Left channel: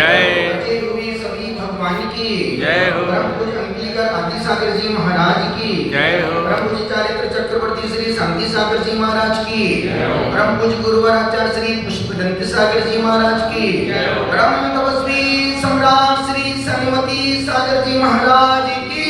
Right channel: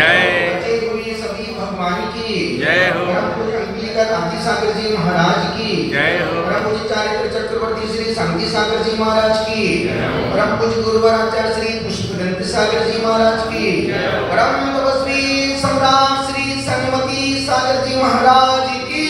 जय। बचे हुए सभी भगवान की जय हो। परम पूज्य अंकलिका कांति सागर जी महाराज की जय हो। परम पूज्य चारित्र चक्रवर्ती श्री शांति सागर जी महाराज की परम पूज्य गुरुवर आचार्य श्री पुष्पदंत सागर जी महाराज की परम तपस्वी सम्राट श्री सन्मति सागर जी महाराज की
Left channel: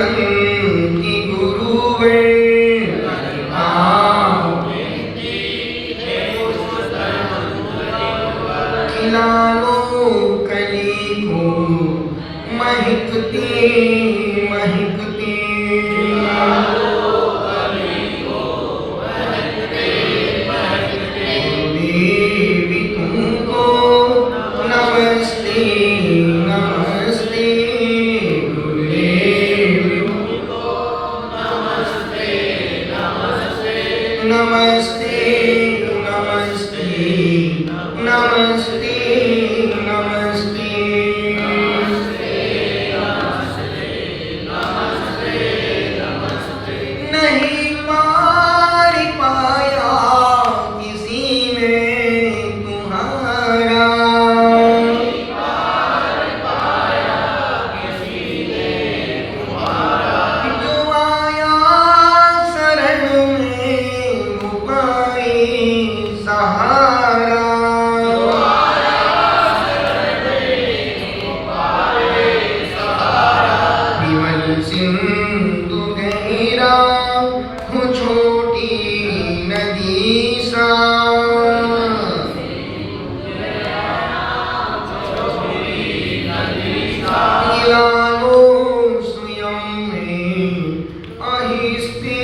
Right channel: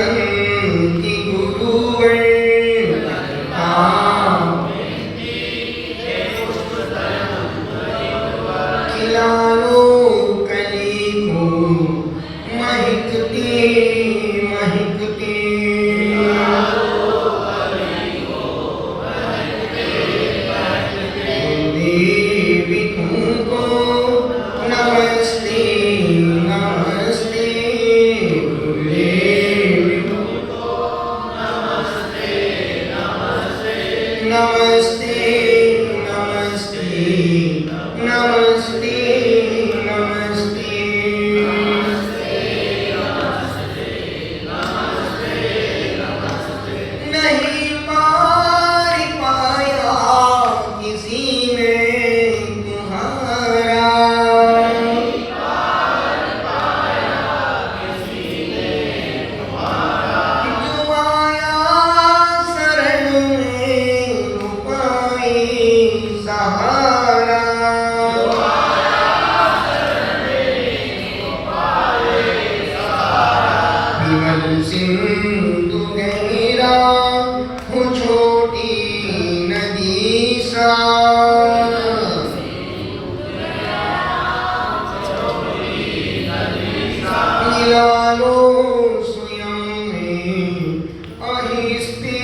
विनंती गुरुवे खिलालो कली को महकते महकते देवी तुमको नमस्ते नमस्ते गुरुदेव नमस्ते नमस्ते नमस्ते नमस्ते नहीं पार पाया किसी ने तुम्हारा जो आया शरण में वो पाए सहारा विमल सिंधु गहरा हो छोटी नदी सा गिरा लो स्वयं में आहिस्ते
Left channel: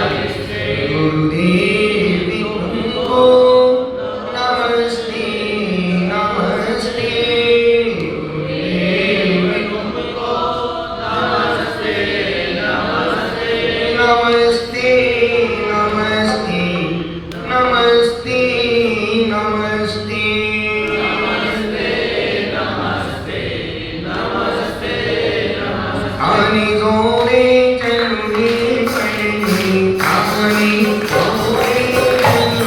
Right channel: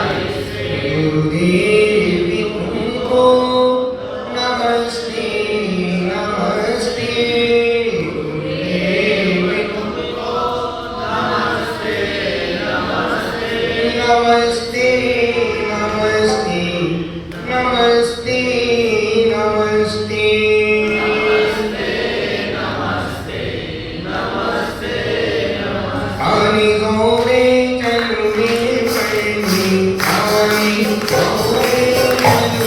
आहिस्ते गुरुदेव तुमको नमस्ते नमस्ते गुरुदेव तुमको नमस्ते नमस्ते नमस्ते नमस्ते नमस्ते आने दो रे चलने चलने आने दो रे चलने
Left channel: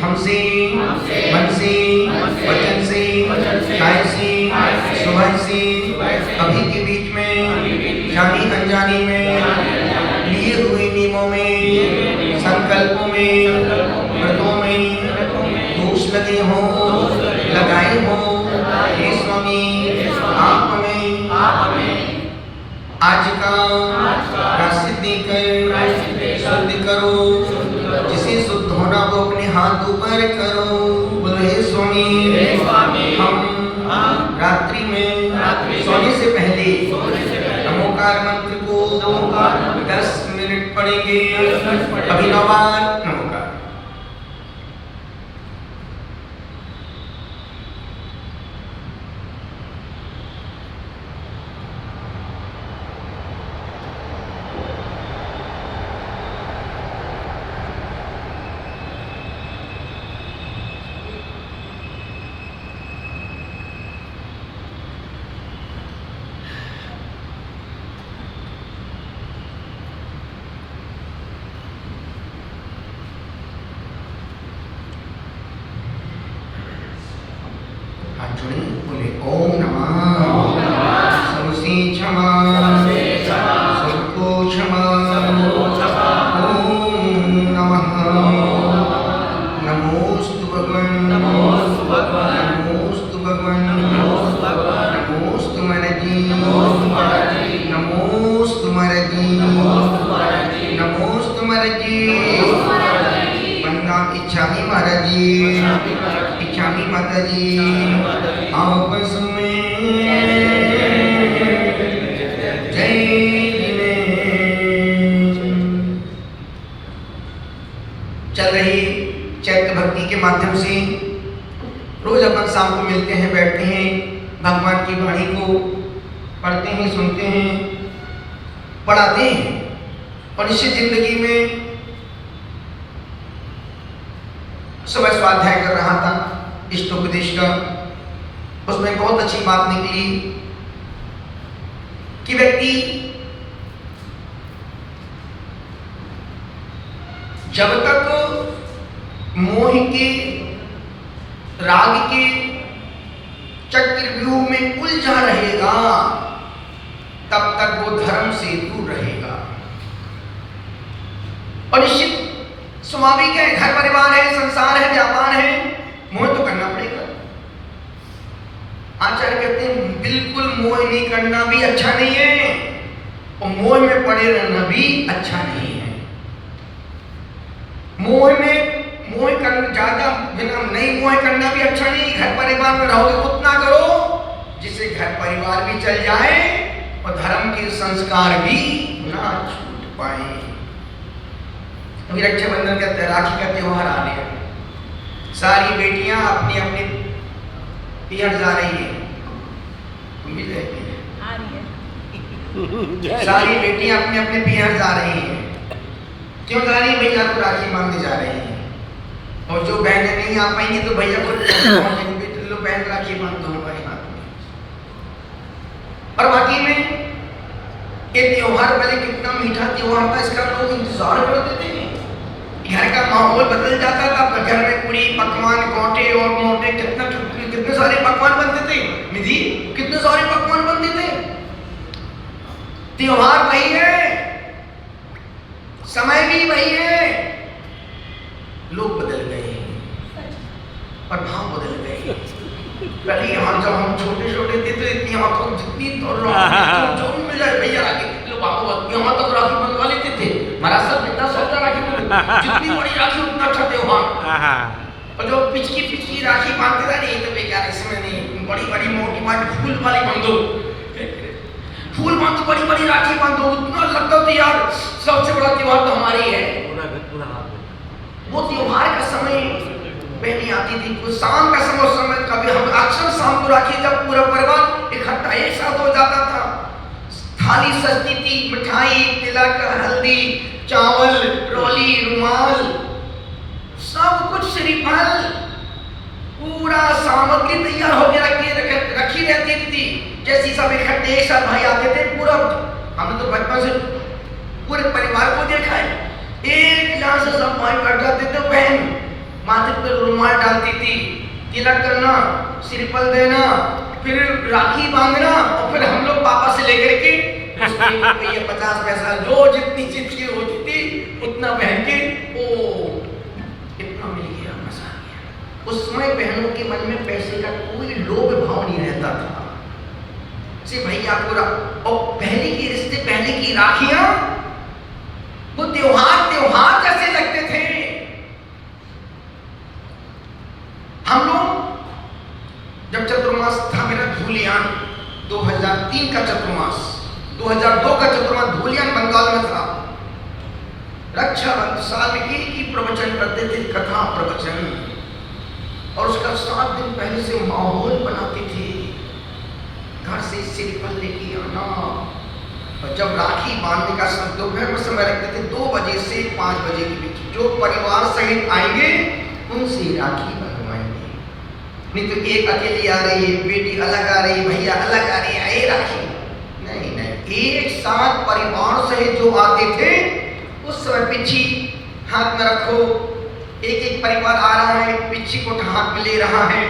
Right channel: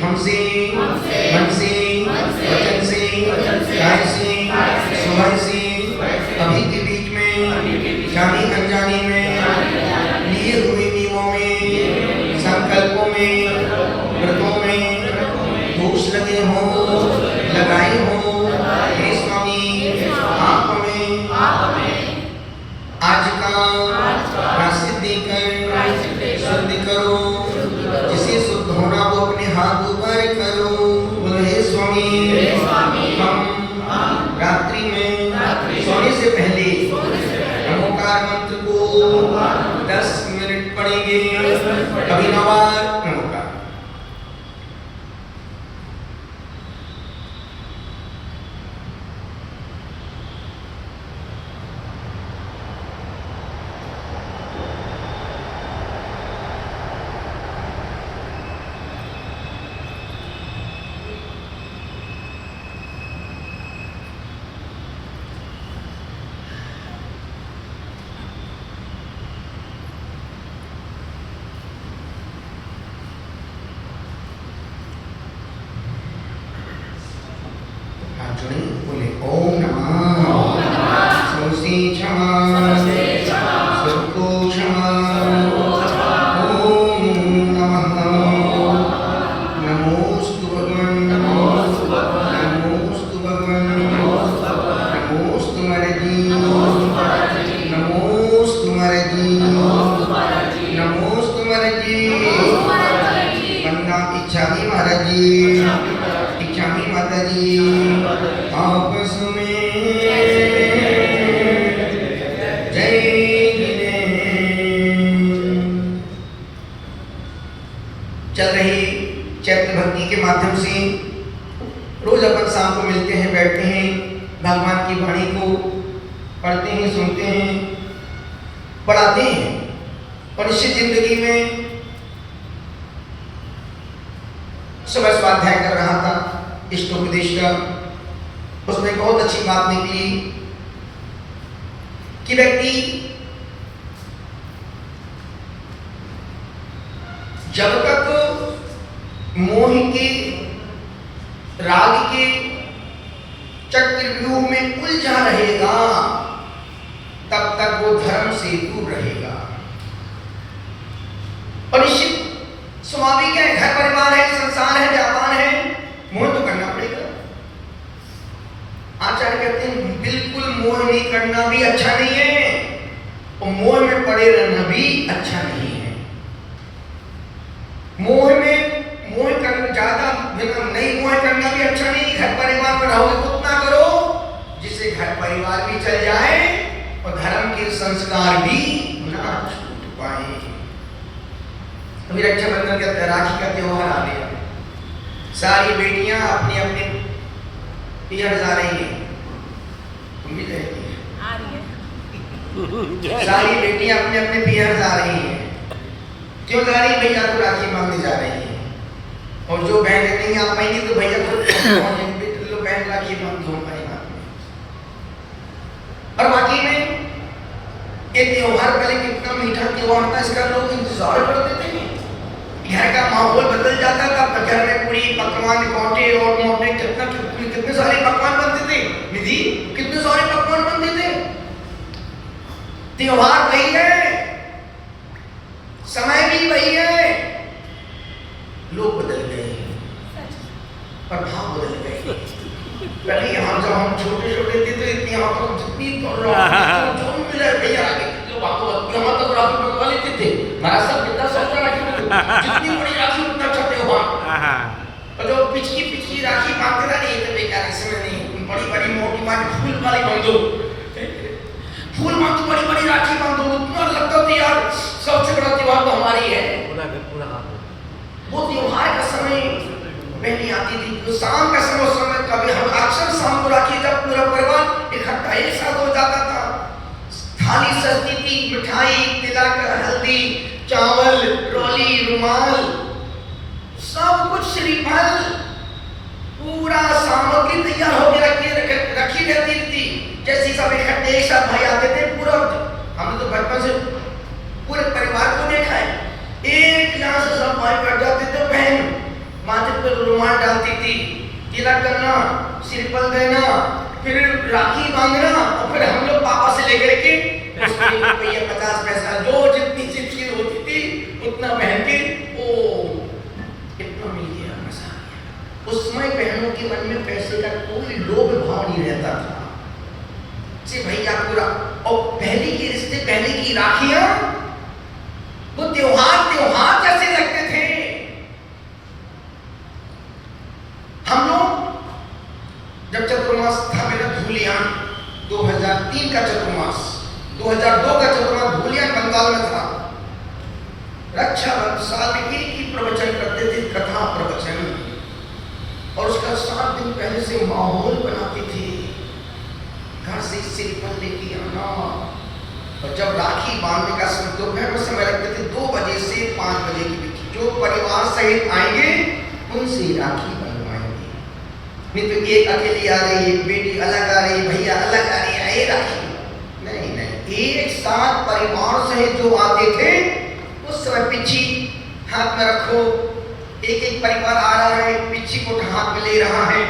हमसे मन से वचन से काय से स्वभाव से अभी के बीच में जानी अनजानी में लिए हुए नियमों में संकल्पों में व्रतों में दोष लगे हो लगाए हो हे स्वामी आप हमें आज का प्रायश्चित देकर शुद्ध करो। जिसे शुद्ध होना वो अपने हाथ ऊपर करो। बोलो हे स्वामी हम रात्रि में सोने से पहले नमोकार मंत्र को 10 मिनट पढ़ेंगे। अभी 9 बार नमोकार। सुनी बोले ओम नमः समस्ते क्षमा सबको क्षमा ओम नमः नमोस्तु भगवान नमोस्तु भगवान नमोस्तु महाराजी नमोस्तु महाराजी नमोस्तु महाराजी वंदना इच्छामी महाराजी इच्छामी माताजी आपस में जय चल रही चैत्र भक्ति के माध्यम से रोज अपन शाम को मिलते हैं, बैठते हैं, भगवान की वाणी को पढ़ते हैं, सुनते हैं, पढ़ाते हैं। और निश्चित जिंदगी में सुबह स्वाध्याय कर रहा था इष्टोपदेश का, उसमें बहुत अच्छी बात निकली कि व्यक्ति जब तक मोह के राग के चक्रव्यूह में उलझा रहेगा तब तक वो धर्म से दूर रहेगा। और निश्चित स्वाभाविक है, घर परिवार है, संसार है, व्यापार है, मोह तो करना पड़ेगा। आचार्य कहते हैं बिल्कुल मोह नहीं करना भी अच्छा नहीं है और मोह में पड़े रहना भी अच्छा नहीं है। मोह करना ज्यादा नहीं, मोह करना भी अच्छा नहीं। घर परिवार में रहोगे उतना करो जिससे घर परिवार भी चल जाए और धर्म के संस्कार भी ना छूट पाए। अभी रक्षाबंधन का राखी का त्योहार आ गया, सारी बेटियां अपने अपने पियर जा रही है, तुम भी कहती है सारी बेटियां अपने अपने पियर जा रही हैं। क्यों जा रही है? भैया को राखी बांधने जा रही है। और जो बहन नहीं आ पाएंगी तो भैया को लो बहन राखी बांध दो हमारे हाथ में। और बाकी में ये त्योहार पहले कितना मीठा त्योहार था, इसका लोग इंतजार करते थे। घर का माहौल बदल जाता था, घर में पूरी पकवान गोटे और मोटे कितने सारे पकवान बनते थे। निधि कितने सारे पकवान बनते थे। त्योहार वही है, समय भी वही है, लोग बदल गए और भाव बदल गए। पहले जब हम छोटे छोटे थे तो इतनी हमको जितनी जो मिल जाए भैया आगे लोग आपको हम तो राखी बनवा लेते थे। हमारा सब बेटा सोचा राखी जितनी बड़ी राखी उतना अच्छा त्योहार। और जो पिचकी राखी बांधते रहे नहीं तो बेकार इसमें नहीं, बड़ी बड़ी मोटी फूल वाली बांधो, फूल बांधो, बड़ी बड़ी राखी बांधो, उतना लगता था यार सबसे बड़ा त्योहार तो हमारी है। वो त्योहार का समय पहले आती थी, वो शाम का समय कभी हम अक्सर शाम को राखी जब पूरा परिवार इकट्ठा एक साथ हो जाता था, थाली सजती थी, मिठाई, तिलक, हल्दी, चावल, रोली, रुमाल, सब कुछ श्रीफल, पूरा सामग्री तैयार होकर रखी रहती थी। जैसे सब इकट्ठे एक साथ भाई आते थे, पूरा हमने तो बचपन से पूरे परिवार को देखा है। एक यहाँ से सब भाई बैठ जाते थे, बहन माथे पर रुमाल डालती थी, तिलक करना, श्रीफल देना, फिर राखी बांधना और फिर हम लोग पापा से लेकर के ये 50 पैसा जो जितनी चिट्ठी होती थी उतना बहन के ओ इतना मिल गया, मजा आ गया। उस समय बहनों के मन में पैसे का कोई लोभ भाव नहीं रहता था। भैया पूरा और पहले के रिश्ते, पहले की राखियां वो त्योहार जैसे लगते थे। हम लोग जब चतुर्मास था मेरा धूलियान 2003 का चतुर्मास, 2002 का चतुर्मास धूलियान बंगाल में था। रक्षाबंधन साल की प्रवचन करते थे, कथा प्रवचन, और उसका 7 दिन पहले से माहौल बनाते थे। घर से श्रीफल लेके आना, और जब राखी बांधने का दोपहर में समय रखते थे 2 बजे से 5 बजे के बीच, जो परिवार सहित आएंगे उनसे राखी बनवाएंगे। नहीं तो एक अकेली आ रही है, बेटी अलग आ रही है, भैया अलग आ रही है, राखी नहीं, एक साथ परिवार सहित जो आते थे उस समय पिच्छी हाथ में रखो, एक एक परिवार आ रहा है, पिच्छी को हाथ में ले रहा है,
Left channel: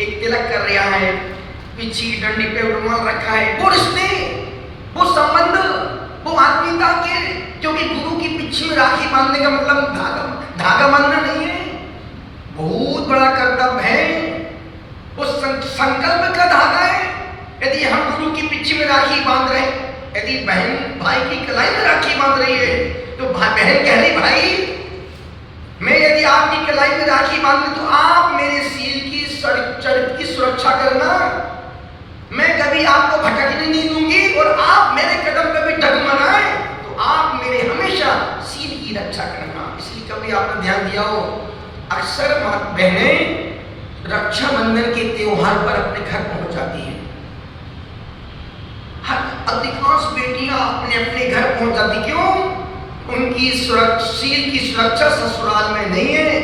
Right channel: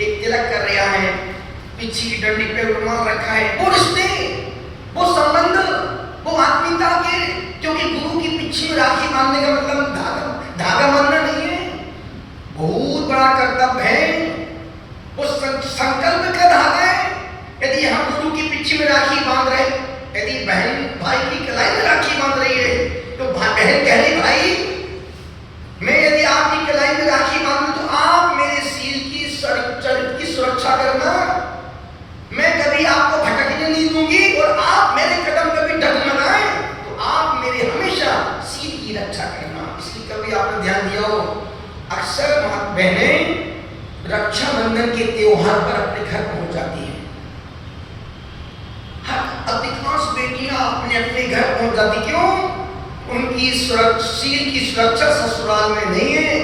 एक तिलक कर रहा है, पीछे की डंडी पे रुमाल रखा है, वो रिश्ते, वो संबंध, वो आत्मीयता के, क्योंकि गुरु की पीछे में राखी बांधने का मतलब धागा बांधना नहीं है, बहुत बड़ा कर्तव्य है, वो संकल्प का धागा है। यदि हम गुरु की पीछे में राखी बांध रहे, यदि बहन भाई की कलाई में राखी बांध रही है, तो बहन कह रही भाई मैं यदि आपकी कलाई में राखी बांधूं तो आप मेरे सील की चरित्र की सुरक्षा करना, मैं कभी आपको भटकने नहीं दूंगी, और आप मेरे कदम कभी डगमगाए तो आप मेरे हमेशा सील की रक्षा करना। इसलिए कभी आपने ध्यान दिया हो, अक्सर बहनें रक्षाबंधन के त्योहार पर अपने घर पहुंच जाती हैं। अधिकांश बेटियां अपने अपने घर पहुंच जाती, क्यों? उनकी सील की सुरक्षा ससुराल में नहीं है,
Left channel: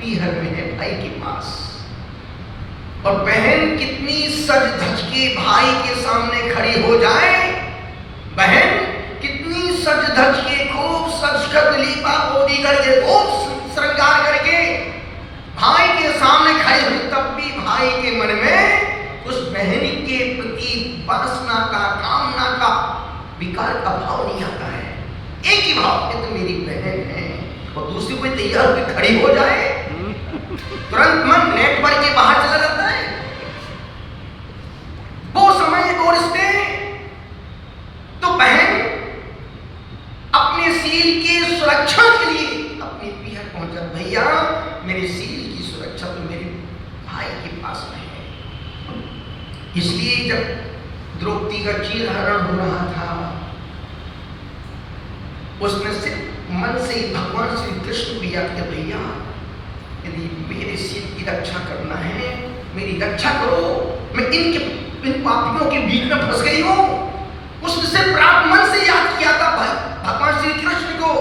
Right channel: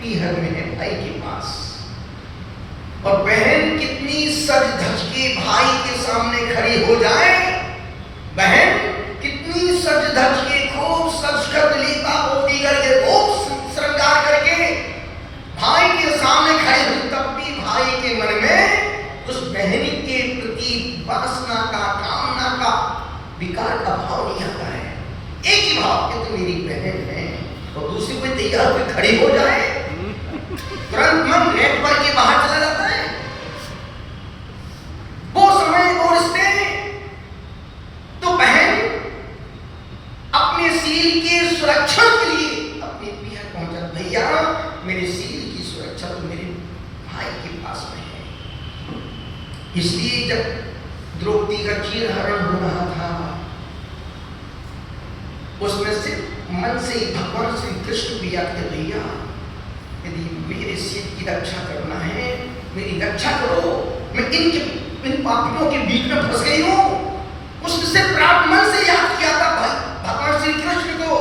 पीहर में है, भाई के पास। और बहन कितनी सज धज के भाई के सामने खड़ी हो जाए, बहन कितनी सज धज के खूब सजगत लीपा पोती करके खूब श्रृंगार करके भाई के सामने खड़े हुई, तब भी भाई के मन में उस बहन के प्रति वासना का, कामना का, विकार का भाव नहीं आता है। एक ही भाव कि तो मेरी बहन है, और दूसरी कोई तैयार होकर खड़ी हो जाए, तुरंत मन नेट पर के बाहर चला जाता है। वो समय वो रिश्ते, तो बहन अपने सील की सुरक्षा के लिए अपने पीहर पहुंचा, भैया मेरे सील की सुरक्षा तो मेरे भाई के पास में है। इसलिए जब द्रौपदी का चीरहरण हो रहा था, उसमें से मन से भगवान श्री कृष्ण भी आते, भैया यदि मेरे सील की रक्षा करना है, मेरी रक्षा करो, मैं इन पापियों के बीच में फंस गई हूं। उससे प्राप्त मन से याद किया था भगवान श्री कृष्ण को,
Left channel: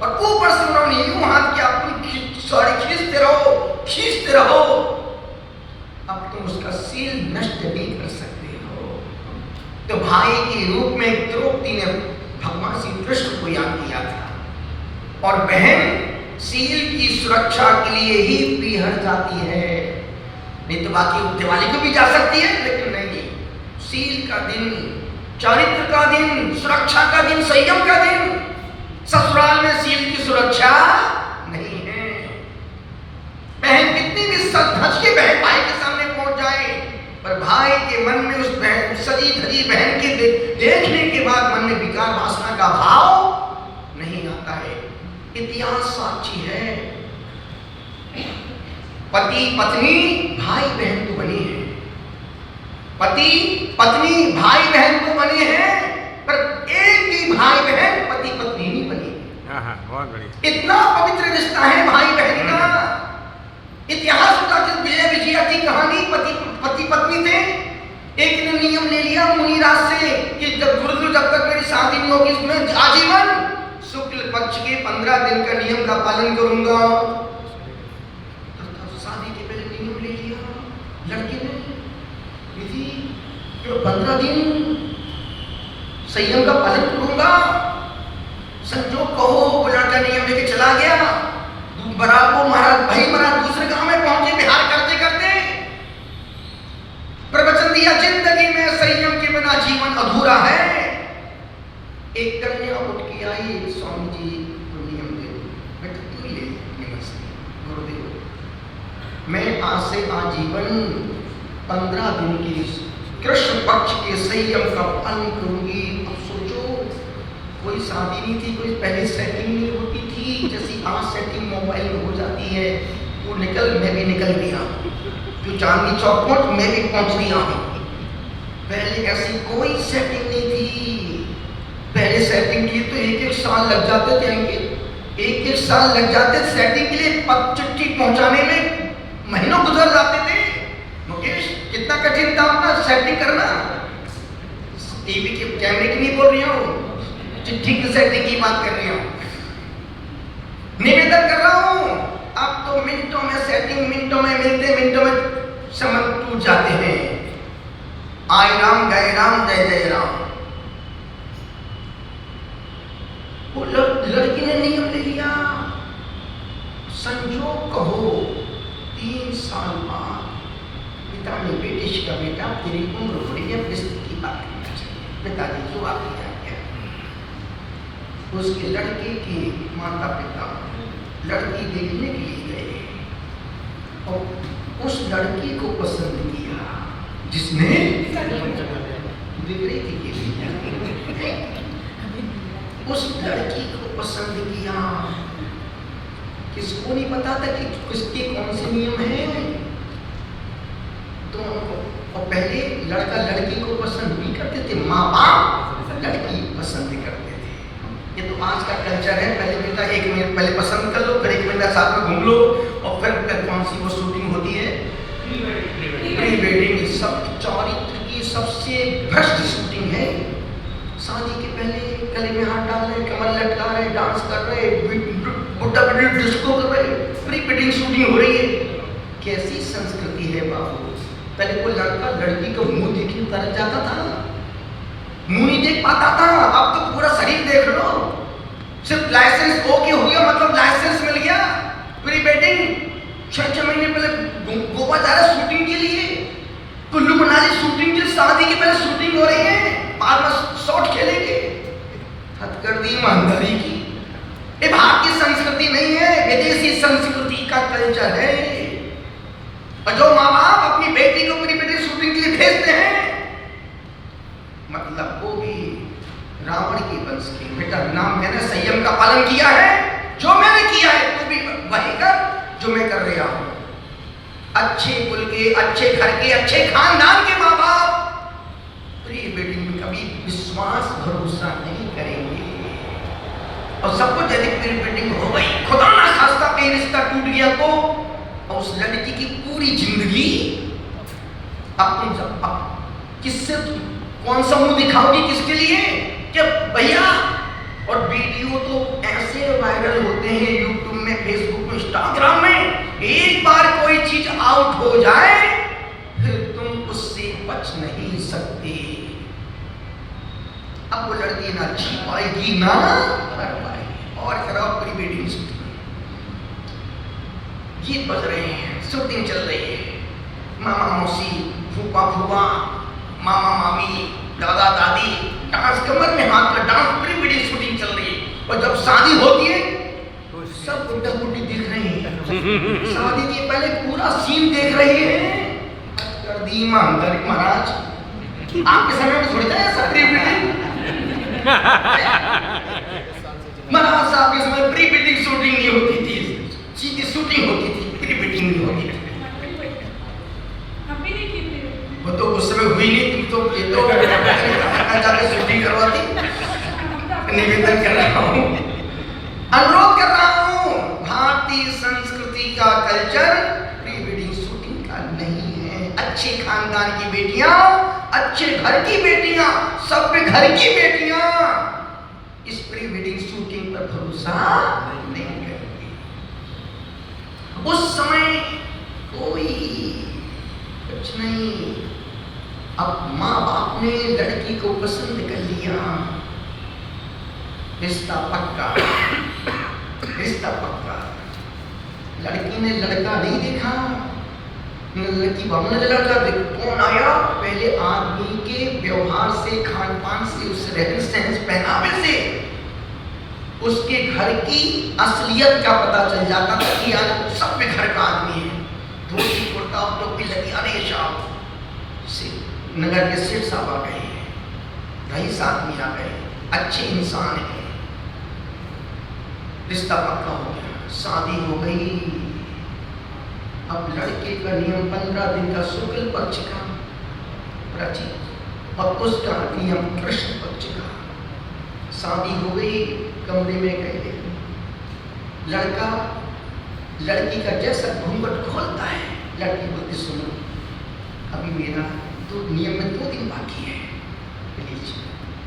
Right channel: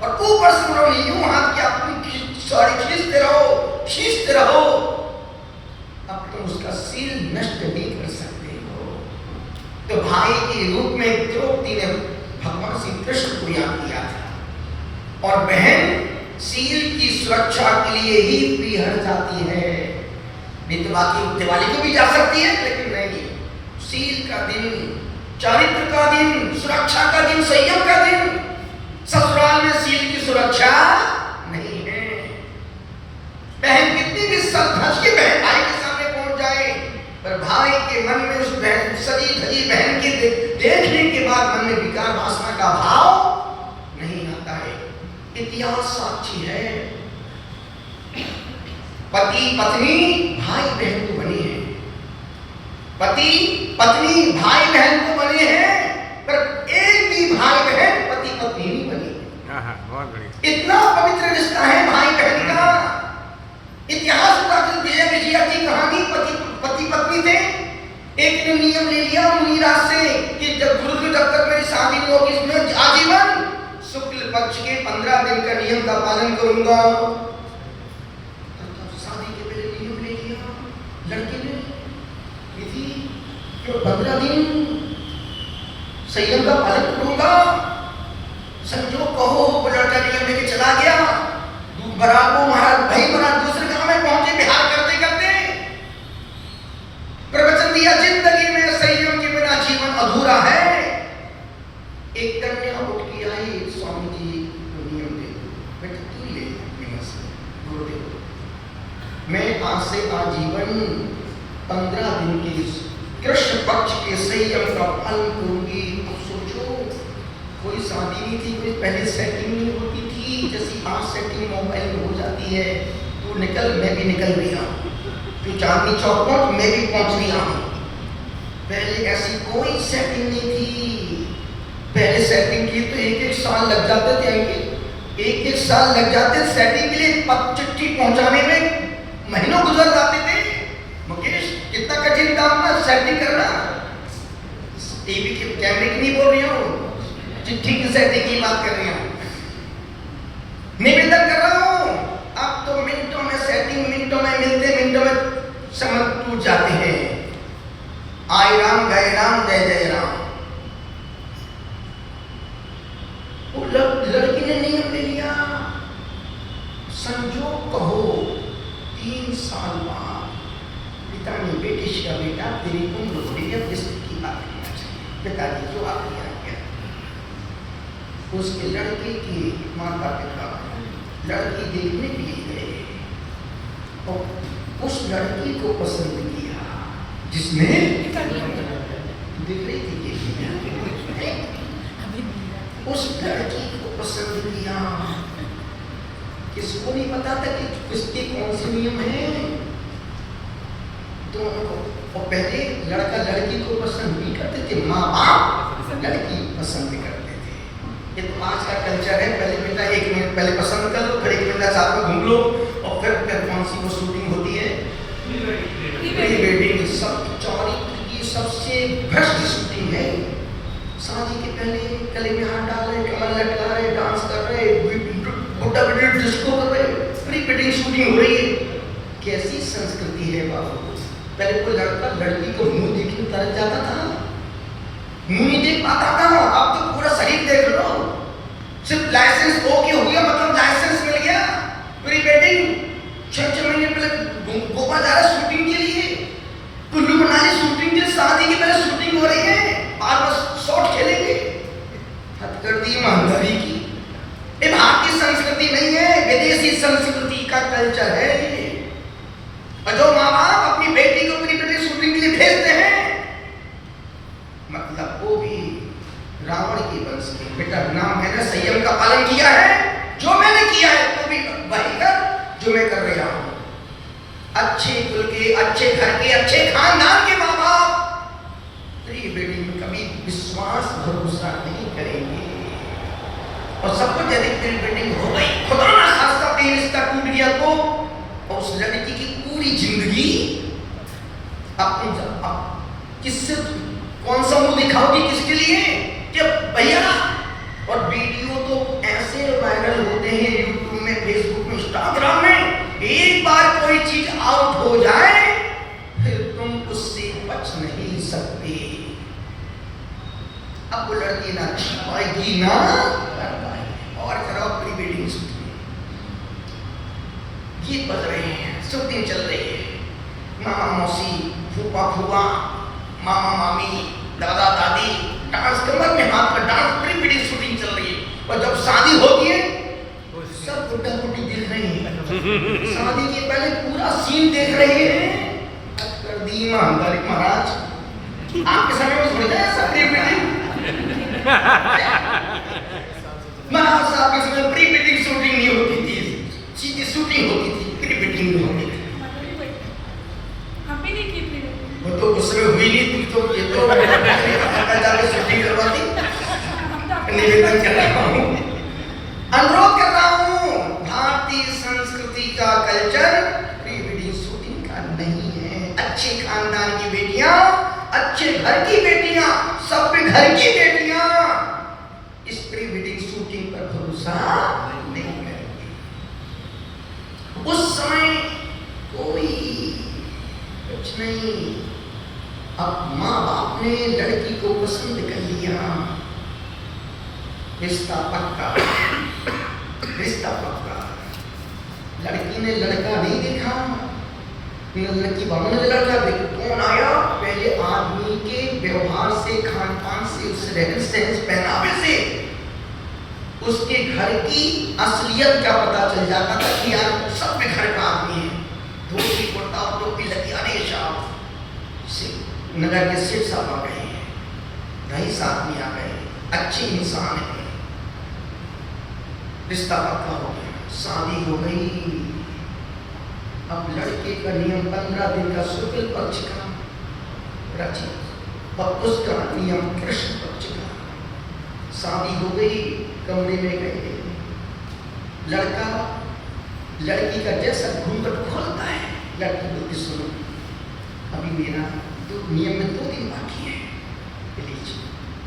और ऊपर से उन्होंने यूं हाथ किया, तुम सारे खींचते रहो, अब तुम उसका सील नष्ट नहीं कर सकते हो। तो भाई के रूप में द्रौपदी ने भगवान श्री कृष्ण को याद किया था, और बहन सील की सुरक्षा के लिए ही पीहर जाती है, नहीं तो बाकी दिवाली को भी जा सकती है, लेकिन नहीं, सील का दिन, चारित्र का दिन, सुरक्षा का दिन, संयम का दिन। ससुराल में सील की सुरक्षा नहीं है। बहन कितनी भी सज के बहन भाई के सामने पहुंच जाए, पर भाई के मन में उस बहन, सजी धजी बहन के देखने के बाद मन में विकार वासना का भाव नहीं आता है। इतिहास साक्षी है, पति पत्नी भाई बहन तो बने हैं, पति पत्नी भाई बहन तो बने हैं, पर एक भी भाई बहन पति पत्नी नहीं बने। बहुत बढ़िया। इतना पवित्र रिश्ता है भाई बहन का। इतिहास उतार विजय विजया की कहानी, पति पत्नी थे। एक दिन नियम ले लिया मुनिराज से कि जब गुरु जब तक मेरी शादी नहीं होगी, इसमें आजीवन शुक्ल पक्ष के 15 दिन का नियम का पालन करूंगा। शादी के पहले नियम ले लिया लड़के ने, यदि 15 दिन संयम का पालन करूंगा। संजोग कहो लड़का नियम लेके चला गया, बराबर महाराज भाई महाराज दूसरे गांव में पहुंचे, बिहार करते करते प्रवचन दिया, जिंदगी में संयम के बिना जीवन अधूरा है। एक कन्या उठ के आई, स्वामी जी तो नियम दे दो, बेटा क्यों ले गुरुदेव, मैं आज से आजीवन 15 दिन के कृष्ण पक्ष के संयम का पालन करूंगी। अब सोचो, कोई शादी नहीं थी, कोई पहले सेटिंग नहीं होती थी, जैसी आज सेटिंग मोबाइल में हो जाती है, तू निकल मैं भी निकल गया, तू चांदनी चौक पहुंच मैं भी पहुंच गया हूं। पहले ऐसी कोई सेटिंग नहीं थी। पहले सेटिंग के लिए तो 1-1 साल लग जाते थे, 1-1 साल लग जाते सेटिंग के लिए, चिट्ठी पहुंचाने में महीनों गुजर जाते थे। मुकेश कितना कठिन था अपना सेटिंग करना। टीवी के कैमरे की नहीं बोल रही हूँ, चिट्ठी की सेटिंग की बात कर रही हूँ। निवेदन कर रहा हूँ, अब तो मिनटों में सेटिंग, मिनटों में मिलते, मिनटों में संबंध टूट जाते हैं। आय राम गए राम जय जय राम। वो लड़की ने नियम ले लिया। संजोग कहो 3 साल बाद पिता ने बेटी से कहा, बेटा तेरी उम्र हो रही है, अपनी स्थिति की बात करना चाहिए। पिताजी जो आप क्या उसके लड़के के माता पिता लड़की देखने के लिए गए और उस लड़की को पसंद किया जिसने दिख रही थी कि उस लड़की को पसंद किया। किसको नहीं पता था कि किसके कौन से नियम हैं दोनों को। और पहले लड़का लड़की को पसंद नहीं करते थे, माँ बाप लड़की पसंद करते थे। ये तो आज का कल्चर है, पहले बेटा 1 मिनट पहले पसंद कर लो, फिर 1 मिनट साथ में घूम लो, और फिर कौन सी वो शूटिंग होती है, प्री वेडिंग। सब चरित्र की सबसे भ्रष्ट शूटिंग है। शादी के पहले गले में हाथ डाल रहे, कमर लटका रहे, डांस कर रहे, बुड्ढा बिड्ढी डिस्को कर रहे, प्री वेडिंग शूटिंग हो रही है। कैसी संस्कृति है बाबू। पहले कोई लड़का लड़की को मुंह देखने तरस जाता था, मुंह नहीं देख पाता था, अब तो पूरा शरीर देख लो। सिर्फ लाइसेंस ओके हो गया मतलब लाइसेंस मिल गया। प्री वेडिंग 6 महीने पहले गोवा जा रहे शूटिंग के लिए, कुल्लू मनाली शूटिंग के, शादी के पहले शूटिंग हो रही है, बार बार शॉट खेलेंगे। हद कर दी ईमानदारी की। ये भारतीय संस्कृति नहीं है, विदेशी संस्कृति का कल्चर है। और जो माँ बाप अपनी बेटी को प्री वेडिंग शूटिंग के लिए भेजते हैं, मतलब वो भी रावण के वंश के। बेटा नाम मैंने संयम का पालन किया है, जो मैंने किया है तो भी वही कर जो मैं कर रहा हूं। अच्छे कुल के, अच्छे घर के, अच्छे खानदान के माँ बाप प्री वेडिंग में कभी विश्वास भरोसा नहीं करेंगे। और सबको यदि प्री वेडिंग हो गई, खुदा ना खास्ता कहीं रिश्ता टूट गया तो, और उस लड़की की पूरी जिंदगी अब किससे कौन सा मुंह दिखाओगी, किसके लिए कि भैया। और वीडियो तो ऐसे वायरल होते हैं यूट्यूब में, फेसबुक में, इंस्टाग्राम में, एक बार कोई चीज आउट हो जाए फिर तुम उससे बच नहीं सकते। अब वो लड़की ना छिपाएगी ना कर पाएगी। और कराओ प्री वेडिंग शूटिंग, गीत बज रहे हैं, शूटिंग चल रही है, मामा मौसी, फूफा फूफा, मामा मामी, दादा दादी, डांस कमर में हाथ पर डांस, प्री वेडिंग शूटिंग चल रही है। और जब शादी होती है सब बुड्ढा बुड्ढी दिख रही है, शादी के पहले पूरा सीन देख रही है। कर दी ईमानदारी महाराज, आपके समय में थोड़ी था सब प्री वेडिंग। महाराज साहब के समय प्री वेडिंग शूटिंग नहीं होती थी, सीधी शूटिंग होती थी, प्री वेडिंग नहीं होती थी। वो तो उस समय हुई नहीं, तुम तो ये तो जाके शूटिंग करवाती। निवेदन कर रहा हूँ, अनुरोध कर रहा हूँ, भारतीय संस्कृति का कल्चर प्री वेडिंग शूटिंग का नहीं है। अच्छे खानदान की बेटियां, अच्छे घर की बेटियां, सभ्य घर की बेटियां इस प्री वेडिंग शूटिंग पर भरोसा नहीं करेंगी। उस समय कोई कुछ नहीं। अब माँ बाप ने लड़की को पसंद कर लिया, रिश्ता पक्का, रिश्ता पक्का। लड़की ने लड़का नहीं देखा, लड़की बाबू ने लड़का देखा। कौन आया? पहले आदमी के व्यवहार से, खान पान से, उससे रहन सहन, पहनावे से उसके घर की असलियत का पता चल जाता था कि यार सभ्य घर का आदमी है। धोती कुर्ता टोपी लगी, अरे साहब नगर के सेठ साहब आ गए, रईस आदमी आ गए, अच्छे इंसान है। रिश्ता पक्का हो गया, शादी हो गई। अब लड़के का नियम 15 दिन का शुक्ल पक्ष का रची और उसका नियम कृष्ण पक्ष का। शादी हो गई, कमरे में गए, लड़का लड़की का जैसा घूंघट खोलता है, लड़की को सुनो अभी मेरा तो नियम में 2 दिन बाकी है, प्लीज।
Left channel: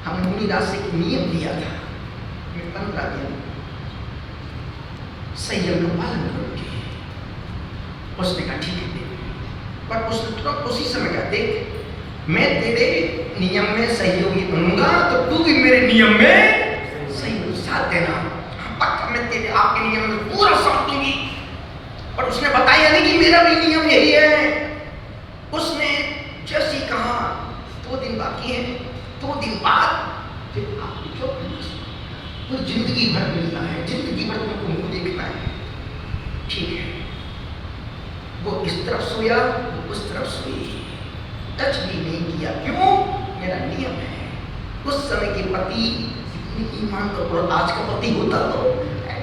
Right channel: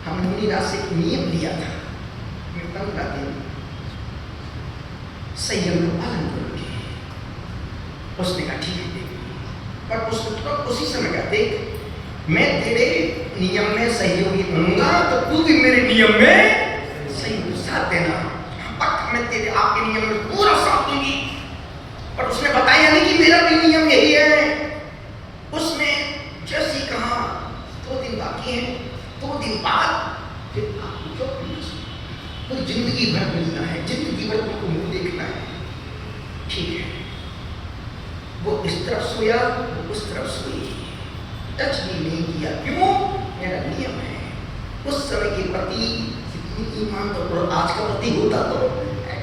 हम मुनि राशि का नियम लिया था, 15 दिन संयम का पालन करोगे। उसने कहा ठीक है, पर उसने तो उसी समय कहा देख मैं तेरे नियम में सहयोगी बनूंगा तो तू भी मेरे नियम में सहयोगी साथ देना। पक्का मैं तेरे आपके नियम में पूरा साथ दूंगी। पर उसने बताया नहीं कि मेरा भी नियम यही है। उसने जैसे ही कहा 2 दिन बाकी है, 2 दिन बाद फिर आपको क्यों तो जिंदगी भर मिलना है, जिंदगी भर तुमको मुंह देखना है, ठीक है। वो इस तरफ सोया, वो उस तरफ सोई, टच भी नहीं किया। क्यों? मेरा नियम है। उस समय के पति इतनी ईमान तो आज का पति होता तो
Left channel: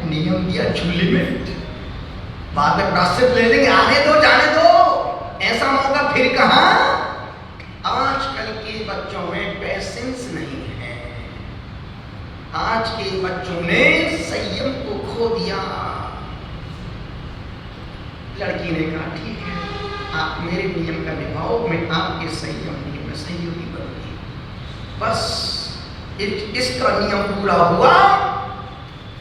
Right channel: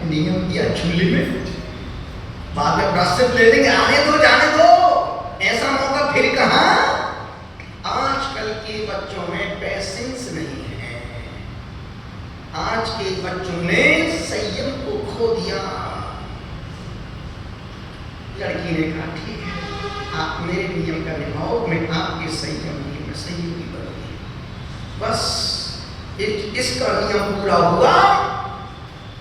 नियम दिया चूल्हे में, बाद में प्राश्चित ले लेंगे, आने दो जाने दो, ऐसा मौका फिर कहाँ। आजकल के बच्चों में पेशेंस नहीं है, आज के बच्चों ने संयम को खो दिया। लड़की ने कहा ठीक है, आप मेरे नियम का निभाओ, मैं आपके संयम में सहयोगी बनूंगी। बस इसका नियम पूरा हुआ।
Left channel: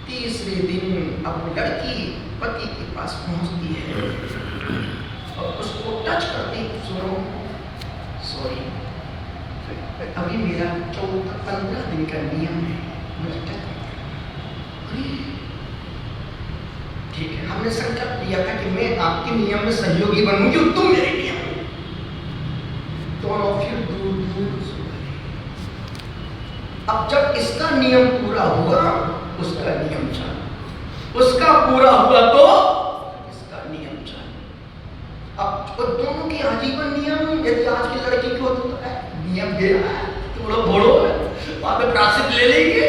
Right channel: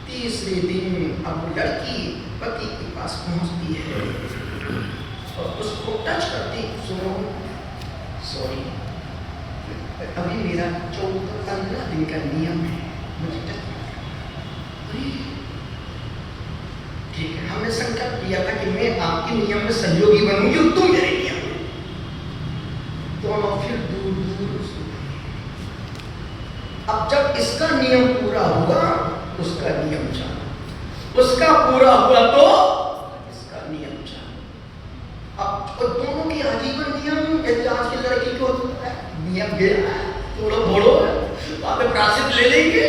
तीसरे दिन अब लड़की पति के पास पहुंचती है और उसको टच करती, सुनो सॉरी अभी मेरा 14-15 दिन का नियम है, मुझे टच ठीक है। हमने संकल्प लिया था कि मैं आपके नियम में सहयोगी बनूंगी और तुम मेरे नियम में। दोनों फिर दूर दूर सो गए। अब जब इसका नियम पूरा हुआ, उसका नियम चालू, उसका पूरा हुआ तो इसका नियम चालू। अब दोनों के आजीवन नियम, यदि आज की लड़की को नियम गया है, थोड़ा बोलो वहां पे प्राश्चित ले लेंगे।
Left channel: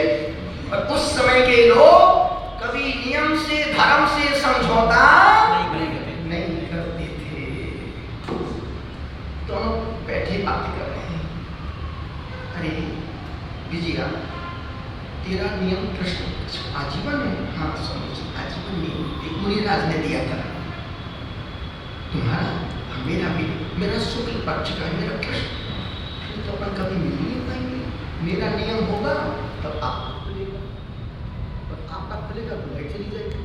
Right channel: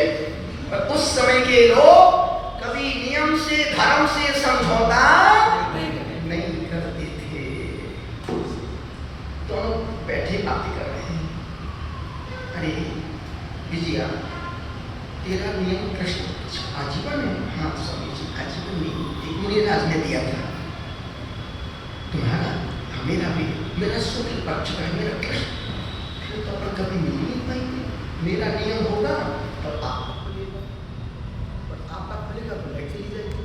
और उस समय के लोग कभी नियम से, धर्म से समझौता नहीं करते थे। दोनों बैठे बातें कर रहे हैं। अरे विजया, तेरा नियम कृष्ण आजीवन है? हाँ स्वामी जी, आजीवन नहीं, एक मुनिराज ने दिया था। तुम्हारा मेरा भी, मेरा शुक्ल पक्ष का है, मेरा कृष्ण, फिर तो अपन कभी मिल ही नहीं। मेरा नियम होगा तब आपका खुलेगा, और आपका खुलेगा तो लाइट चली जाएगी।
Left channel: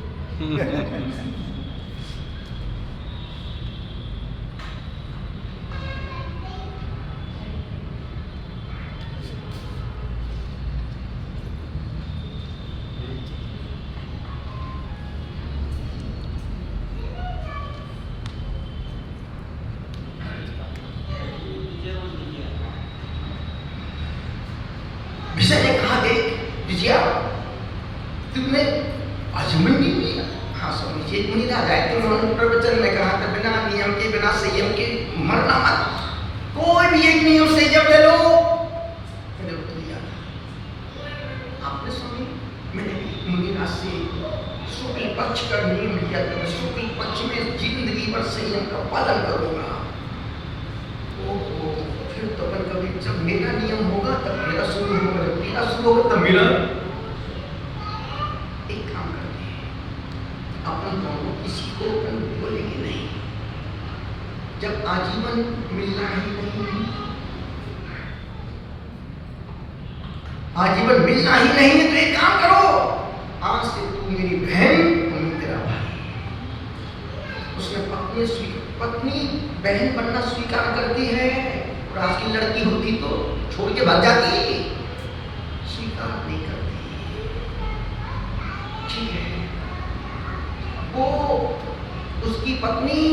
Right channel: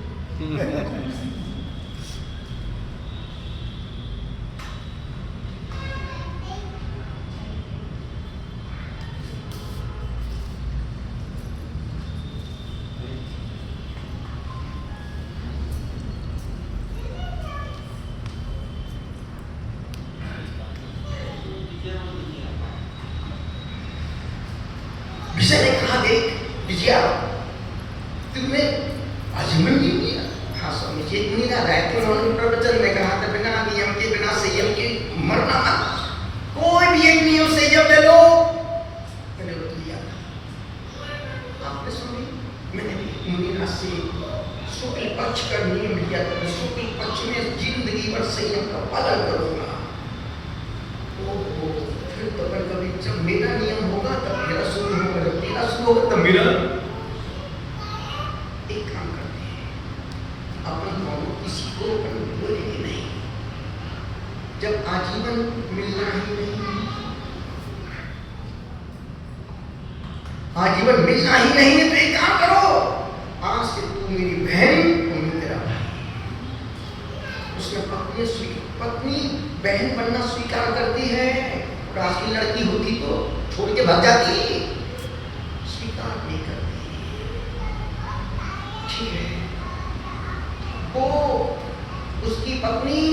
विजय ने कहा देख विजया, तुमने आजीवन नहीं दिया। हाँ स्वामी जी, मुनिराज आए थे, उन्होंने प्रवचन में कहा था बिना नियम के, बिना संयम के मरना मत, कोई भी एक नियम संयम ले लो। मैंने तो लिया था आपने स्वामी, मैंने मुनिराज से शुक्ल पक्ष का नियम लिया था, मैं शुक्ल पक्ष में जिंदगी भर संयम का पालन करूंगा। फिर तो कभी जब मेरा नियम होगा तब मेरा शुरू होगा, जब मेरा शुरू होगा तब मेरा। एक काम करते हैं, अपन दोनों किसी को बोलेंगे नहीं, जब आजीवन मिलना ही नहीं, आजीवन मिलना ही नहीं है तो एक काम करो, आज से तू मेरी बहन, तुम तेरा भाई। उसने पत्नी बहन बनना स्वीकार करती है। और आज की लड़की होती तो छोड़ के भाग जाती, स्वीकार नहीं करती, ठीक है। वो उसकी पत्नी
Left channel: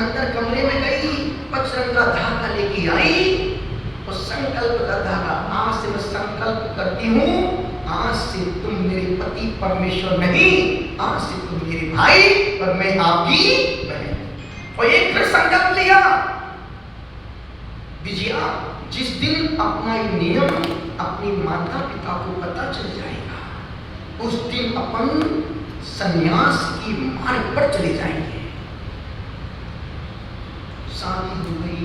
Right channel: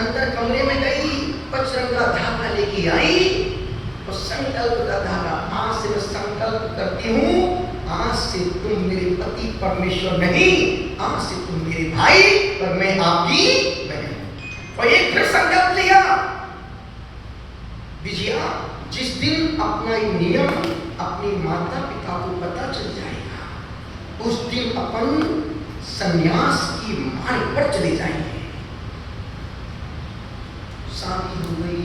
अंदर कमरे में गई, पचरंग का धागा लेके आई और संकल्प का धागा, आज से मैं संकल्प करती हूँ, आज से तुम मेरे पति परमेश्वर नहीं, आज से तुम मेरे भाई और मैं आपकी बहन। और एक फिर संकल्प लिया विजया, जिस दिन अपना ये नियम अपने माता पिता को पता चल जाएगा, उस दिन अपन संन्यास की मार्ग पर चले जाएंगे। शादी हो गई,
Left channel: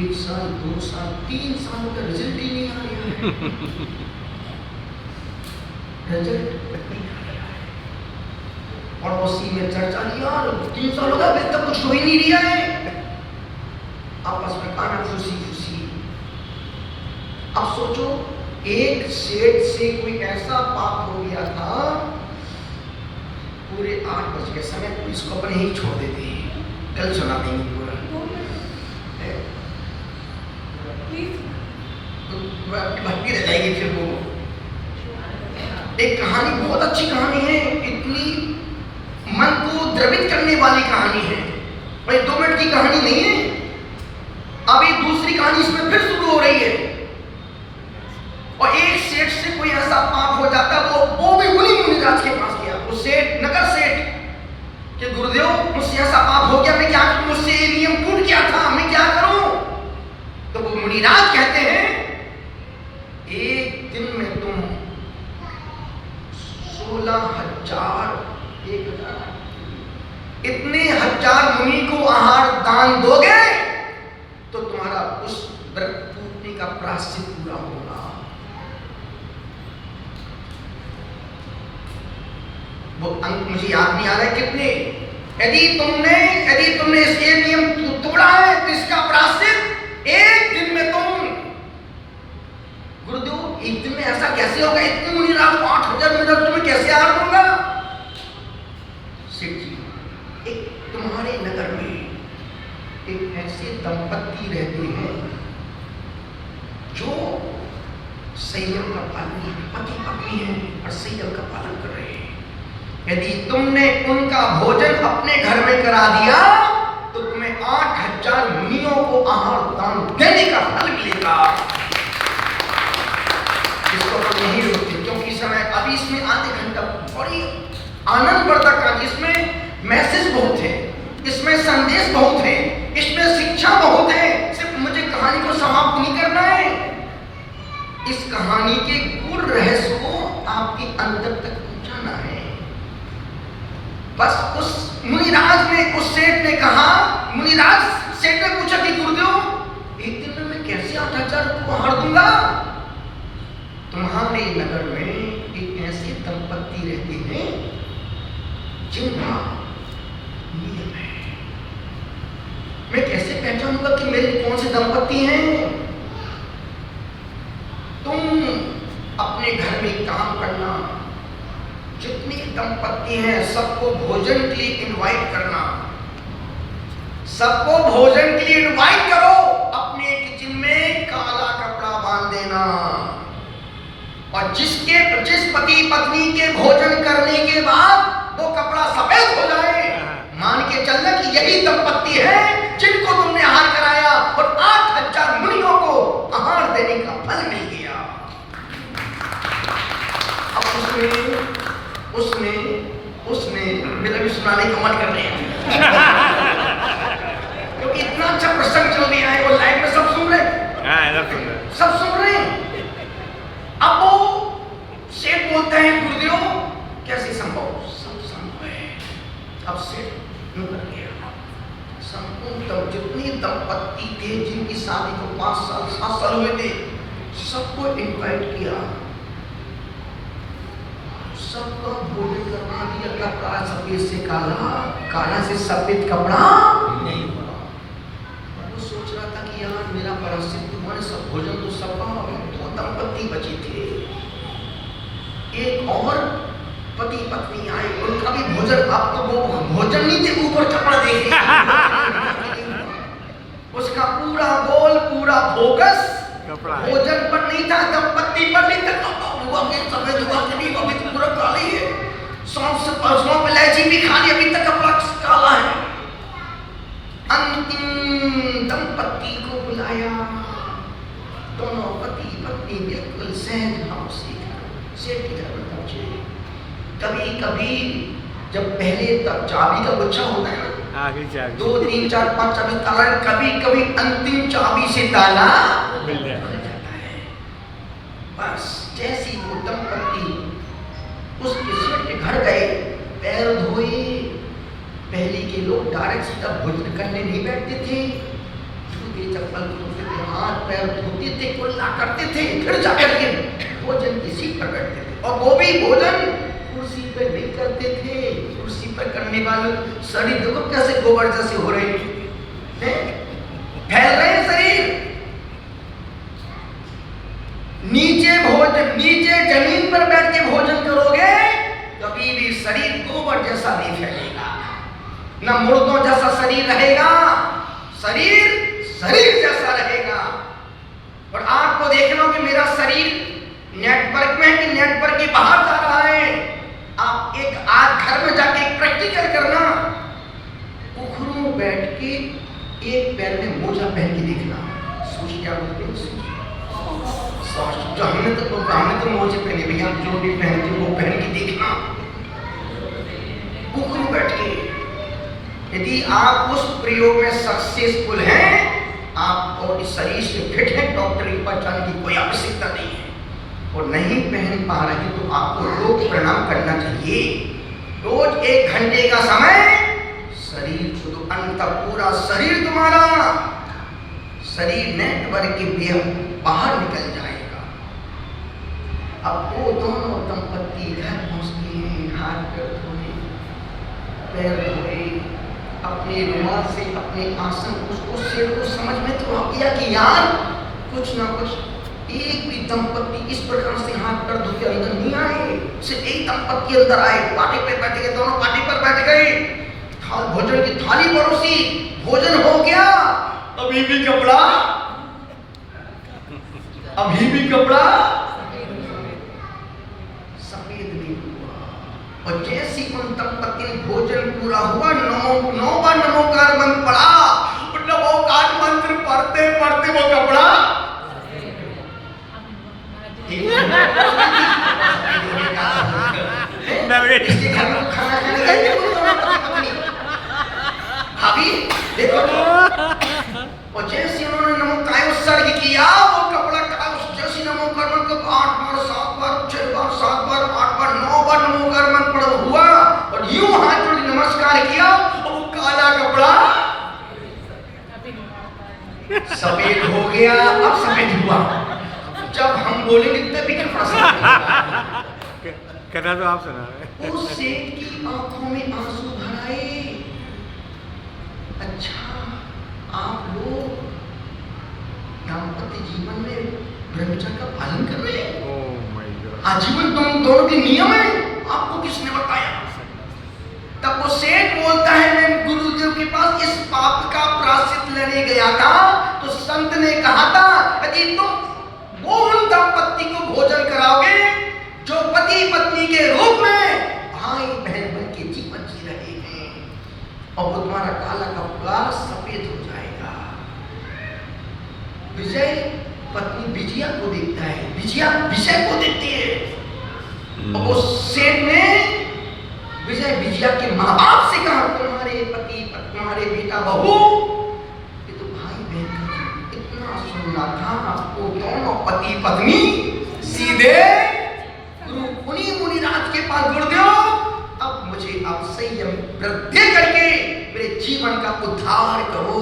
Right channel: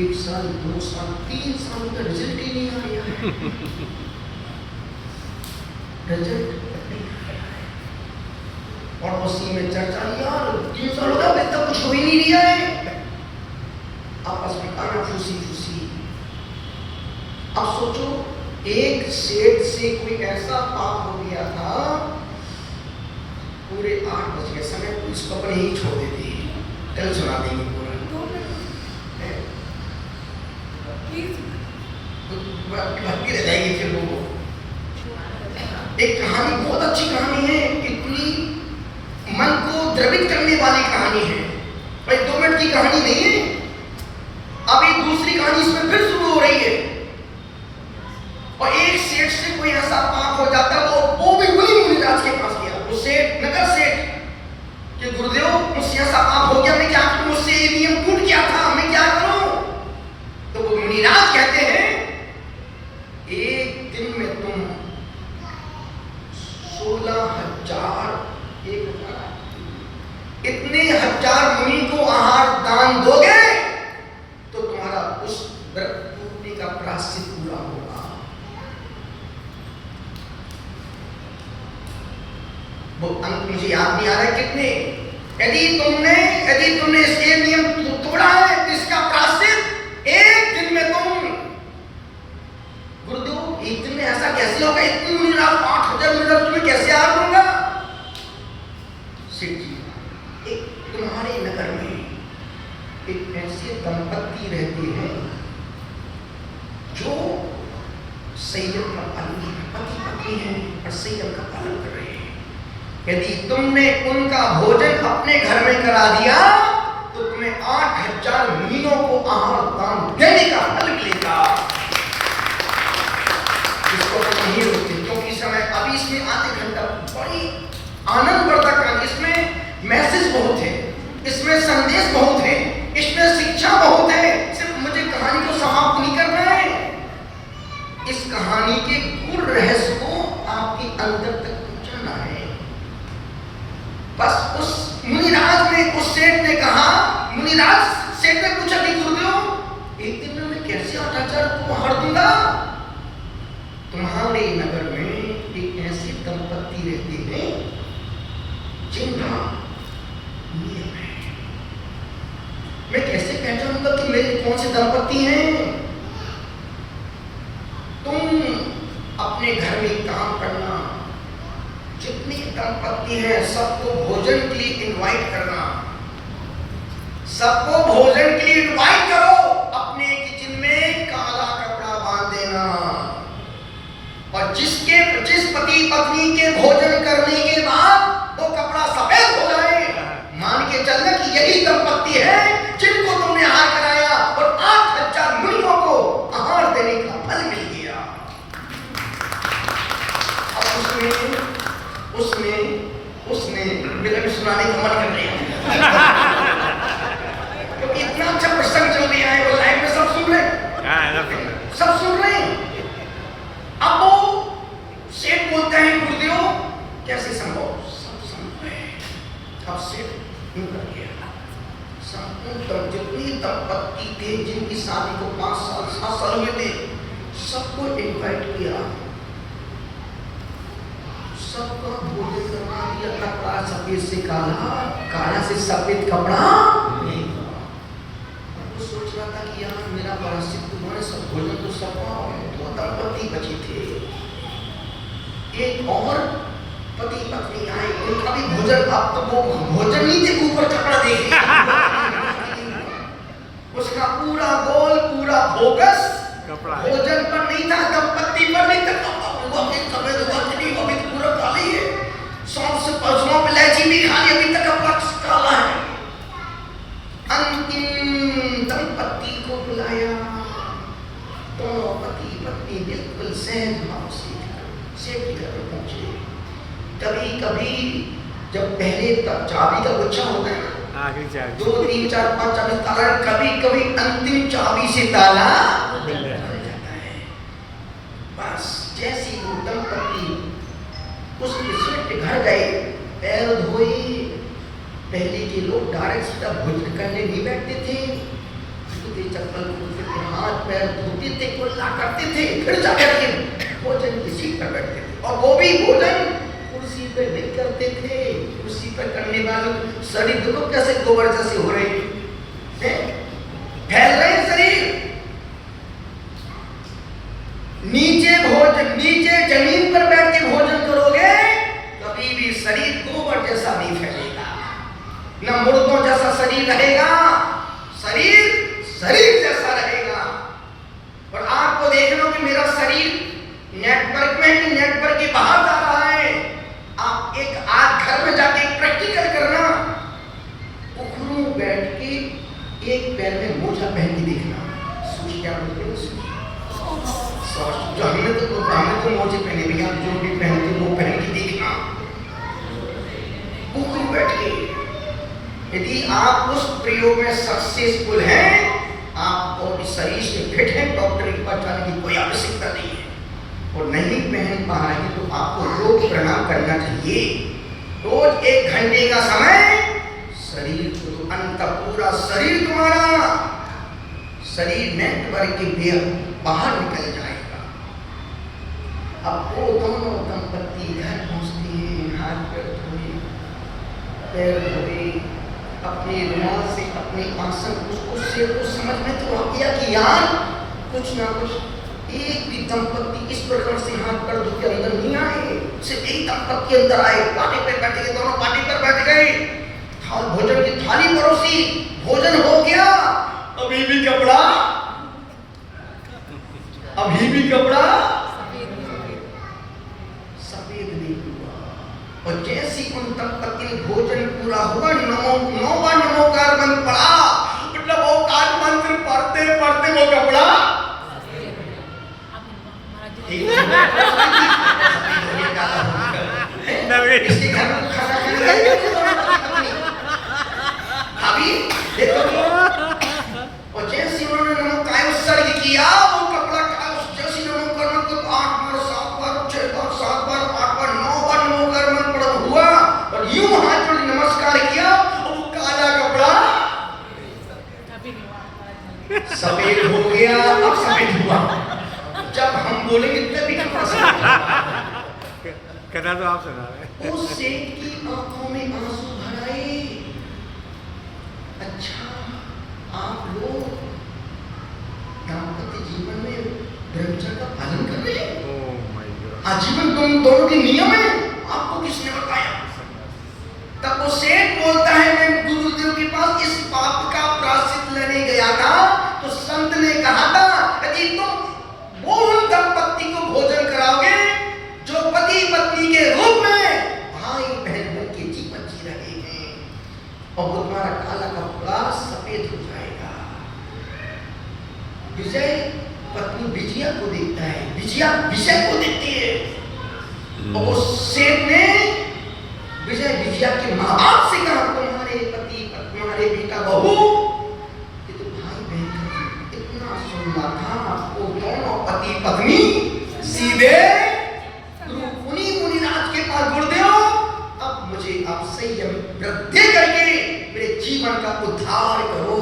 1 साल 2 साल 3 साल का रिजल्ट ही नहीं आया है। रिजल्ट और उसी में चर्चा, यार 3 साल हो गए अभी तक कुछ हो ही नहीं रहा है, आपस में खाना फूसी फूसी। अब सोचो, एक सेठ से कोई ऐसा पाप हो गया था, पूरे 8 बज गए, समय पुलिस को अपने ही छोड़ देती है, कल सुना देंगे पूरा। भटकी रह जाएगी फिर वो। एक कहानी, बहुत अच्छी कहानी है, इतनी मन को द्रवित करने वाली कहानी है, भाई 2 मिनट की कहानी नहीं है। अभी दूसरी कहानी इसमें फिर शुरू हो रही है। और एक सेठ से कोई ऐसा पाप हो जाता है, वो भी उन्हीं मुनिराज के पास गया, वो सेठ, नगर सेठ, कि गुरुदेव मुझसे ऐसा पाप हो गया, मैं क्या करूं, मुझसे ये नियम टूट गया था, मैं क्या करूं? तो वो मुनिराज कहते हैं, एक दिन में तुम 16,000 इतने 1000 मुनि को आहार दान दोगे तो तुम्हारा उस व्रत टूटने का प्रायश्चित पूरा होगा। वो अंक मुझे याद नहीं आ रहा कितने, यदि तुमने इसके नियम तोड़ा है तो इसका प्रायश्चित एक दिन में तुम, गुरुदेव एक दिन में ऐसा कैसे होगा, इतने मुनि राज 8,000 मिनट तुम्हें कैसे आहार दूंगा? सेठ जी, एक तुम्हारे नगर में एक ऐसे दंपत्ति रहते हैं जो संयम का पालन, पति पत्नी है और संयम का पालन कर रहे हैं। यदि तुमने उनका भोजन अपने घर में करा दिया तो तुम्हें 8,000 मुनियों को आहार दान देने का फल मिलेगा। इसको हम नहीं रोकते क्योंकि समय अभी इसमें आधे घंटा बड़ी आनंदवर्धक है, इसमें मैसेज बहुत है, इसमें संदेश बहुत है, इसमें शिक्षा बहुत है। सिर्फ मुझे कहानी को समाप्त नहीं करना है, इस कहानी के पूर्ण रहस्य को आपके अंदर तक पहुंचाना है। बस उस मुनिराज ने, उस सेठ ने कहा, मुनिराज सेठ ने पूछा कि गुरुदेव एक दिन में कैसे 8,000 को आहार दूंगा? तुम्हारे नगर में एक ऐसी दंपत्ति रहती है जिनका नियम है। मैं कैसे पहचानूंगा कि मेरे कौन से दंपत्ति हैं? तुम अपने घर में काम करना, जितनी दंपत्ति हैं सबको भोजन के लिए इनवाइट करना, सबको भोजन के लिए इनवाइट करो, अपने किचन में काला कपड़ा बांध देना, और जिस पति पत्नी के भोजन करने के बाद वो कपड़ा सफेद हो जाए, मान के चलना कि यही दंपत्ति है जिनको तुमने आहार कराया और 8,000 मुनियों को आहार देने का फल मिल गया। अब उसने मेरे सुनाने का मन कर लिया क्योंकि इतना अच्छा प्रसंग चल गया है, वो लाइव में सब सुन रहे हैं, सब सुन रहे हैं। अब वो सेठ बोलते हैं गुरुदेव कैसे संभव? सब संभव है। अब सेठ निकल गया, संपूर्ण जितनी दंपत्ति थे जिनकी शादी को 5 साल 7 साल हुए थे, सबको इनवाइट किया, सबका भोजन करवा दिया। कपड़ा सफेद से काला, काला से सफेद कपड़ा नहीं हुआ। वो सोच रहा था कि यार मेरा प्रायश्चित, तुम्हारे सब भोजन तो सबका, तो दंपत्ति बचे थे, एक और पति पत्नी आए, उनका भी भोजन, अब तो वो भोजन नहीं थे, ऊपर कपड़ा देखे उसका पूरा गोल, पूरा फोकस भोजन पर नहीं था, दंपत्ति पर नहीं था। सफेद हुआ कि नहीं, अभी पूरा काला ही है, सौंफ से सौंफ इलायची भी खा ली, अभी तक कपड़ा काला है। अंतिम दंपत्ति को बुलाया, दोनों पति पत्नी बिल्कुल सहज भाव से सेठ के घर पहुंचे। कभी जब पहले चाबी का गुच्छा होता है ना, 2 3 4 5 चाबी ताला, कभी अंतिम चाबी से ताला खुल जाता है। बस जैसी वो दंपत्ति उसके सेठ के घर गए, पैर धोए, पहले के लोग डायरेक्ट सीधा भोजन करने नहीं बैठते थे, चप्पल हाथ पैर धोते थे, कुल्ला करते थे, फिर जाकर के भोजन की सीट पर बैठते थे, और वो भी भोजन कुर्सी पर नहीं करते थे। कुर्सी पर करने वाले शरीर देखो कैसे गोबर जैसे हो रहे हैं, फैल रहे हैं शरीर। नीचे जमीन पर बैठ के भोजन करोगे कभी भी शरीर गोबर जैसा नहीं फैलेगा, न मुर्दों जैसा शरीर रहेगा, शरीर जैसा रहेगा। और आपको देखना कि मेरा शरीर नेटवर्क में है कि नेटवर्क के बाहर जा रहा है। आप एक आज घर में जाके प्रैक्टिकल करना, उखरू बैठ के क्या बोलते हैं जो हमने तो मोजी पहने भैया, जो भी पहनते वो पहन के देखना कुकरू बैठ के। यदि आप उस प्रयोग में सक्सेसफुल हैं, आपको इस शरीर से फिट है, डॉक्टर की पास जाने की कोई आवश्यकता नहीं है, और नहीं पहन पा रहे तो आपको योग प्रणाम करना चाहिए। रोज 1 घंटे का समय शरीर को तो अंत पूरा शरीर तुम्हारा शरीर नेटवर्क के बाहर निकल जाएगा। अब वो दोनों दंपत्ति घर पहुंचते हैं, हाथ पैर धोए, पैर धोए, अपने रुमाल से अपने आसन, उसको से तो समझ में तो आ गया कि यार कुछ ना कुछ एक भी दंपत्ति इस प्रकार से हाथ पैर धो के अंदर नहीं आए, सिर्फ एक दंपत्ति अंदर आए, पाटे पे बैठ गए, दोनों पाटे पर बैठ गए, भोजन की थाली परोसी, भोजन हो गया, अभी भी कपड़ा सफेद नहीं हुआ। और जैसी उन दंपत्ति ने भोजन पूरा हुआ, नमोकार मंत्र पढ़ा, नमोकार मंत्र पढ़ते पढ़ते वो कपड़ा इसके घर में खाना अभी देखो, और जैसे उन्होंने नमोकार उत्सर्ग किया, वो कपड़ा जैसे नमोकार मंत्र 8 बार 7 बार 6 बार 7 बार 8 बार 9 बार नमोकार मंत्र पढ़ा हुआ, और यूं हाथ जोड़ नमस्कार किया, और वो काला कपड़ा सफेद हो गया। अब सफेद हुआ, जब हम बोलेंगे तभी कहना तो आप सुना रहे। उस सेठ की आंखों में आंसू भर आए। अच्छा, आप लोग दाम्पत्य जीवन में ब्रह्मचर्य का पालन कर रहे हैं? ओह माय गॉड, आजीवन तुम दोनों के नियम है, आपको किसने बताया? तब वो सेठ बोलता है, मैं गुरुदेव के पास इस पाप का प्रायश्चित लेने गया था, तो संत ने कहा था यदि तुम वो उन दंपत्ति को भोजन कराओगे जो पति पत्नी के रूप में भाई बहन बन के जीवन जी रहे हैं, और वो तुम्हारा काला कपड़ा सफेद हो जाएगा। विजय पत्नी विजया को देखता है, विजया विजय को देखती है, और उस सेठ ने विजय विजया के माँ बाप से कहा, तुम्हारे पति तुम्हारे बेटा बहू तो भाई बहन इतना सुनना था, वो दोनों पति पत्नी सीधे गुरु मुनिराज के पास गुरुदेव, अब मुझे आप संयम वृद्धि करके मेरे जीवन का उद्धार करो।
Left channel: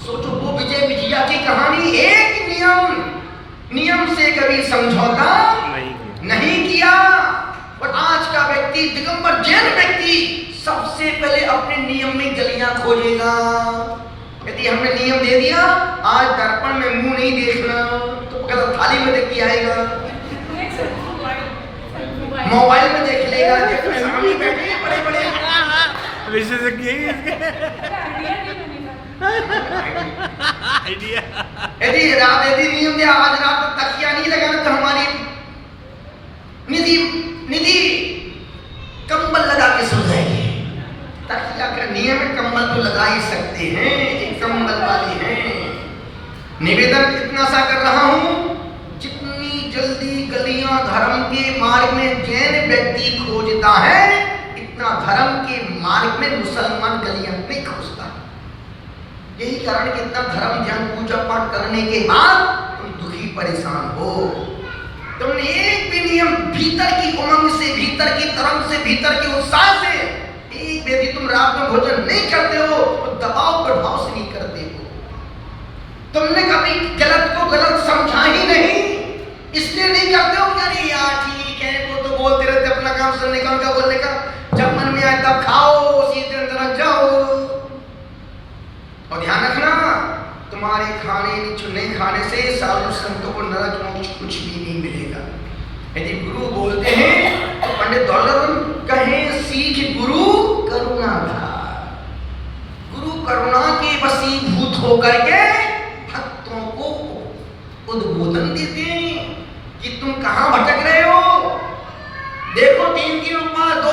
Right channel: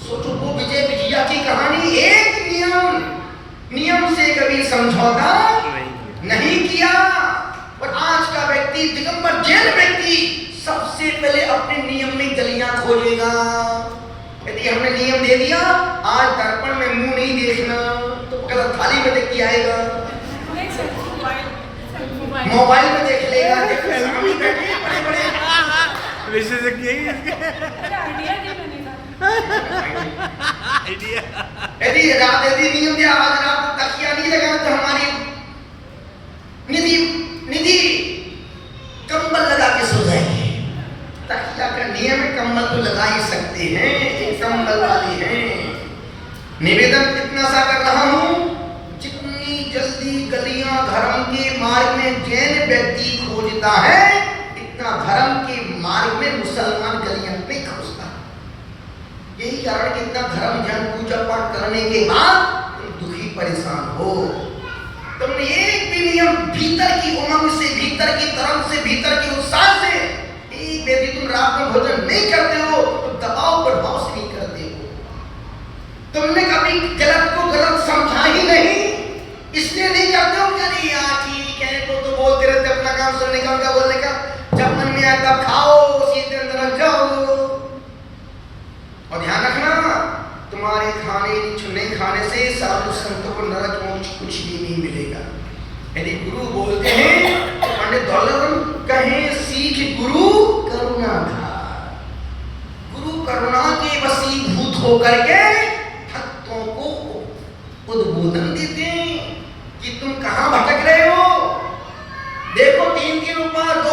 सोचो, वो विजय विजया की कहानी, एक नियम से कभी समझौता नहीं किया, और आज का व्यक्ति, दिगंबर जैन व्यक्ति सबसे पहले अपने नियम में गलियां खोजेगा। यदि हमने नियम दे दिया, आज दर्पण में मुंह नहीं देखना, तो गलत थाली में देख के आएगा, मोबाइल में देख लेगा, सामने बैठे बड़े विशेषज्ञ यही आइडिया। यदि नियम दे, आज रात को तकिया नहीं लगाना, तो हमारी निधि कंबल लगा के सो जाएगी। तकिया का नियम, कंबल तो लगा ही सकते हैं, एक कंबल वाले हैं। निवेदन इतना सा कर रहा हूं, जितनी जल्दी गलियां धर्म के मार्ग में जैन व्यक्ति खोजता है, इतना धर्म के मार्ग में मुसलमान गलियां नहीं खोजता। यही कारण कि इतना धर्म ध्यान पूजा पाठ करने के बाद तुम दुखी परेशान हो। तुमने एक भी नियम भीतर की उमंग से, भीतर की तरंग से, भीतर के उत्साह से, एक यदि तुम रात में भोजन नहीं करते हो तो दबाव प्रभाव से नहीं करते हो। तुमने कभी गलत को गलत समझा ही नहीं, इसलिए नहीं करते हो कि अरे यार ठीक है, वो तो बोलते रहते, अपना काम सुनने का, उनका बोलने का, जब मन में आए तब खाओ, सीधे अंदर रख जाओ। और ध्यान रखना, तुम्हारे खाने चुने खाने से साधु संतों को नरक मोक्ष कुछ भी नहीं मिलेगा। यदि गुरु बोलते हैं तो पंडित दौलत कहे, सीख गुरु करुणा था, गुरु करुणा के वशीभूत होकर के भक्तों को उद्बोधन देते हैं कि तुम कहां भटक रहे हो। देखो 3 उपवास, 2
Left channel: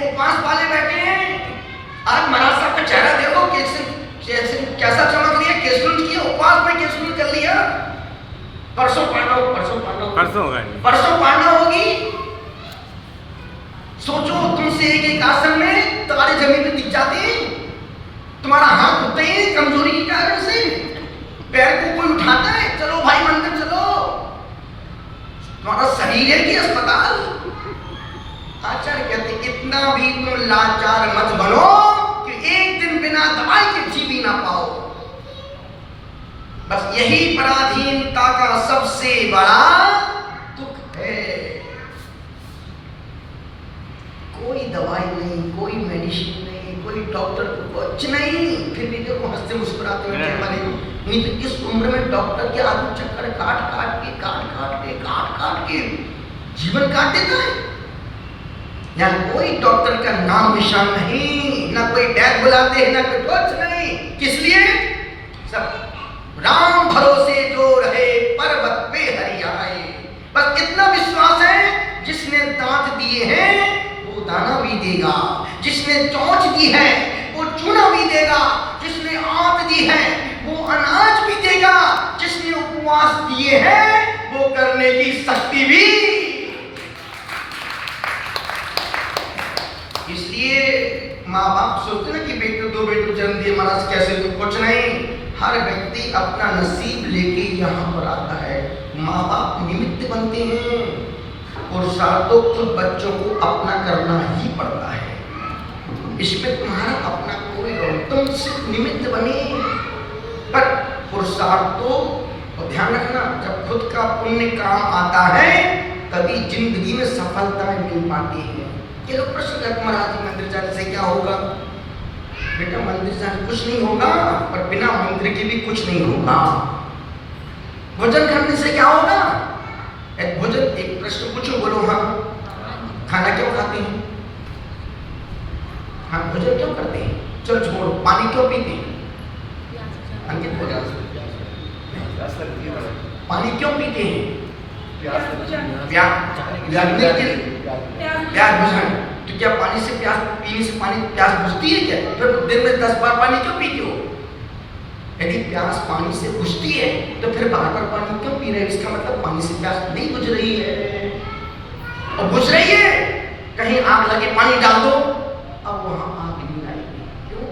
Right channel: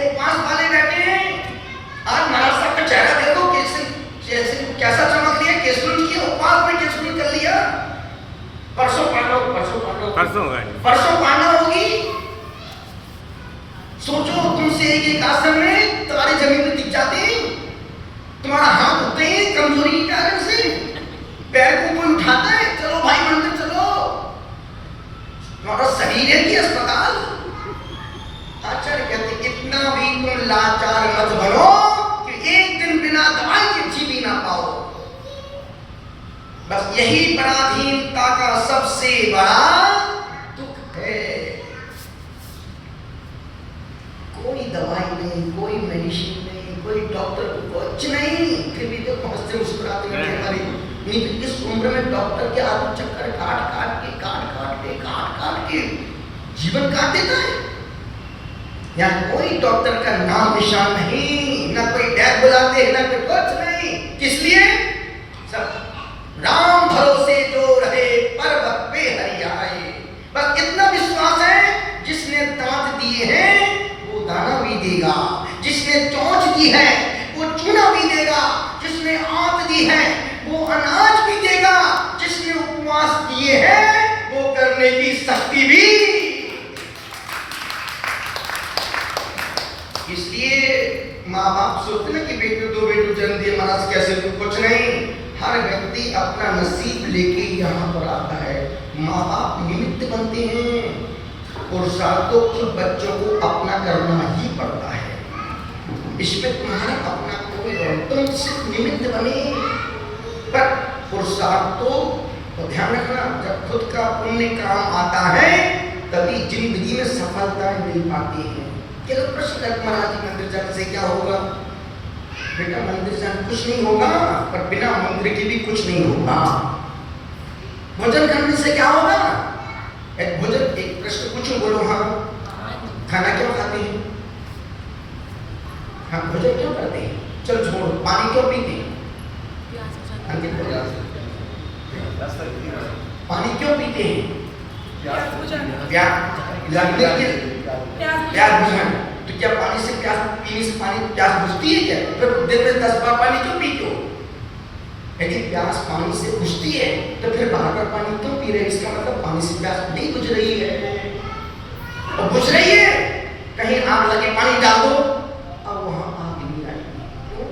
उपवास वाले बैठे हैं। आज महाराज साहब का चेहरा देखो कैसा चमक रही है, कैसे उनकी उपवास परसों पढ़ना परसों होगा। परसों पढ़ना होगी। सोचो तुमसे एक आसन में तुम्हारी जमीन में दिख जाते, तुम्हारा हाथ होते हैं कमजोरी के कारण से, पैर को कोई उठाता है, चलो भाई मंदिर चलो, तुम्हारा शरीर है कि अस्पताल। आचार्य कहते इतना भी तुम लाचार मत बनो कि एक दिन बिना दवाई के जी भी ना पाओ। बस यही पराधीनता का सबसे बड़ा दुख है। कोई दवाई नहीं, कोई मेडिसिन नहीं, कोई डॉक्टर कुछ नहीं, फिर भी देखो हंसते मुस्कुराते हुए नहीं तो इस उम्र में डॉक्टर के आदमी चक्कर काट के जीवन काट देता है। यहाँ कोई डॉक्टर का नाम निशान नहीं, ना कोई बैग बुलाते हैं, ना कोई कुछ नहीं। किस लिए? सब राम भरोसे जो रहे पर्वत पे हरियाए। बस इतना विश्वास है, जिसने दांत दिए हैं वो दाना भी देगा, जिसने चोंच दी है वो चूना भी देगा, जिसने आंत दी है वो अनाज भी देगा, जिसने उपवास दिए हैं वो करने की शक्ति भी। इसलिए माँ बाप सोचते हैं कि बेटे दो बेटे जन्म दिए महाराज कैसे, कुछ नहीं। हर व्यक्ति अपना नसीब लेके यहाँ पर आता है। माँ बाप निमित्त बनते हैं और सातों खुद बच्चों को अपना करना ही पड़ता है। इसमें तुम्हारा अपना कोई रोल, तुम सिर्फ निमित्त बने, पर पुरुषार्थ तो ध्यान रखना, जब खुद का पुण्य काम आता है तभी जिंदगी में सफलता मिल पाती है। ये लोग प्रश्न करते महाराज मंदिर जाने से क्या होगा? बेटा मंदिर जाने कुछ नहीं होगा, पर बिना मंदिर के भी कुछ नहीं होगा। भोजन करने से क्या होगा? एक प्रश्न पूछो, बोलो हाँ। खाना क्यों खाते हैं? हाँ, भोजन क्यों करते हैं? चल छोड़, पानी क्यों पीते हैं? पानी क्यों पीते हैं? प्यास बुझाने। तो क्या पानी से प्यास पीने से पानी प्यास बुझती है क्या? फिर दिन में 10 बार पानी क्यों पीते हो? यदि प्यास पानी से बुझती है तो फिर बार-बार पानी क्यों पी रहे? इसका मतलब पानी से प्यास नहीं बुझ रही है। और बुझ रही है, कहीं आग लगे पानी डाल दो, अब वहां आग नहीं लगेगी। क्यों?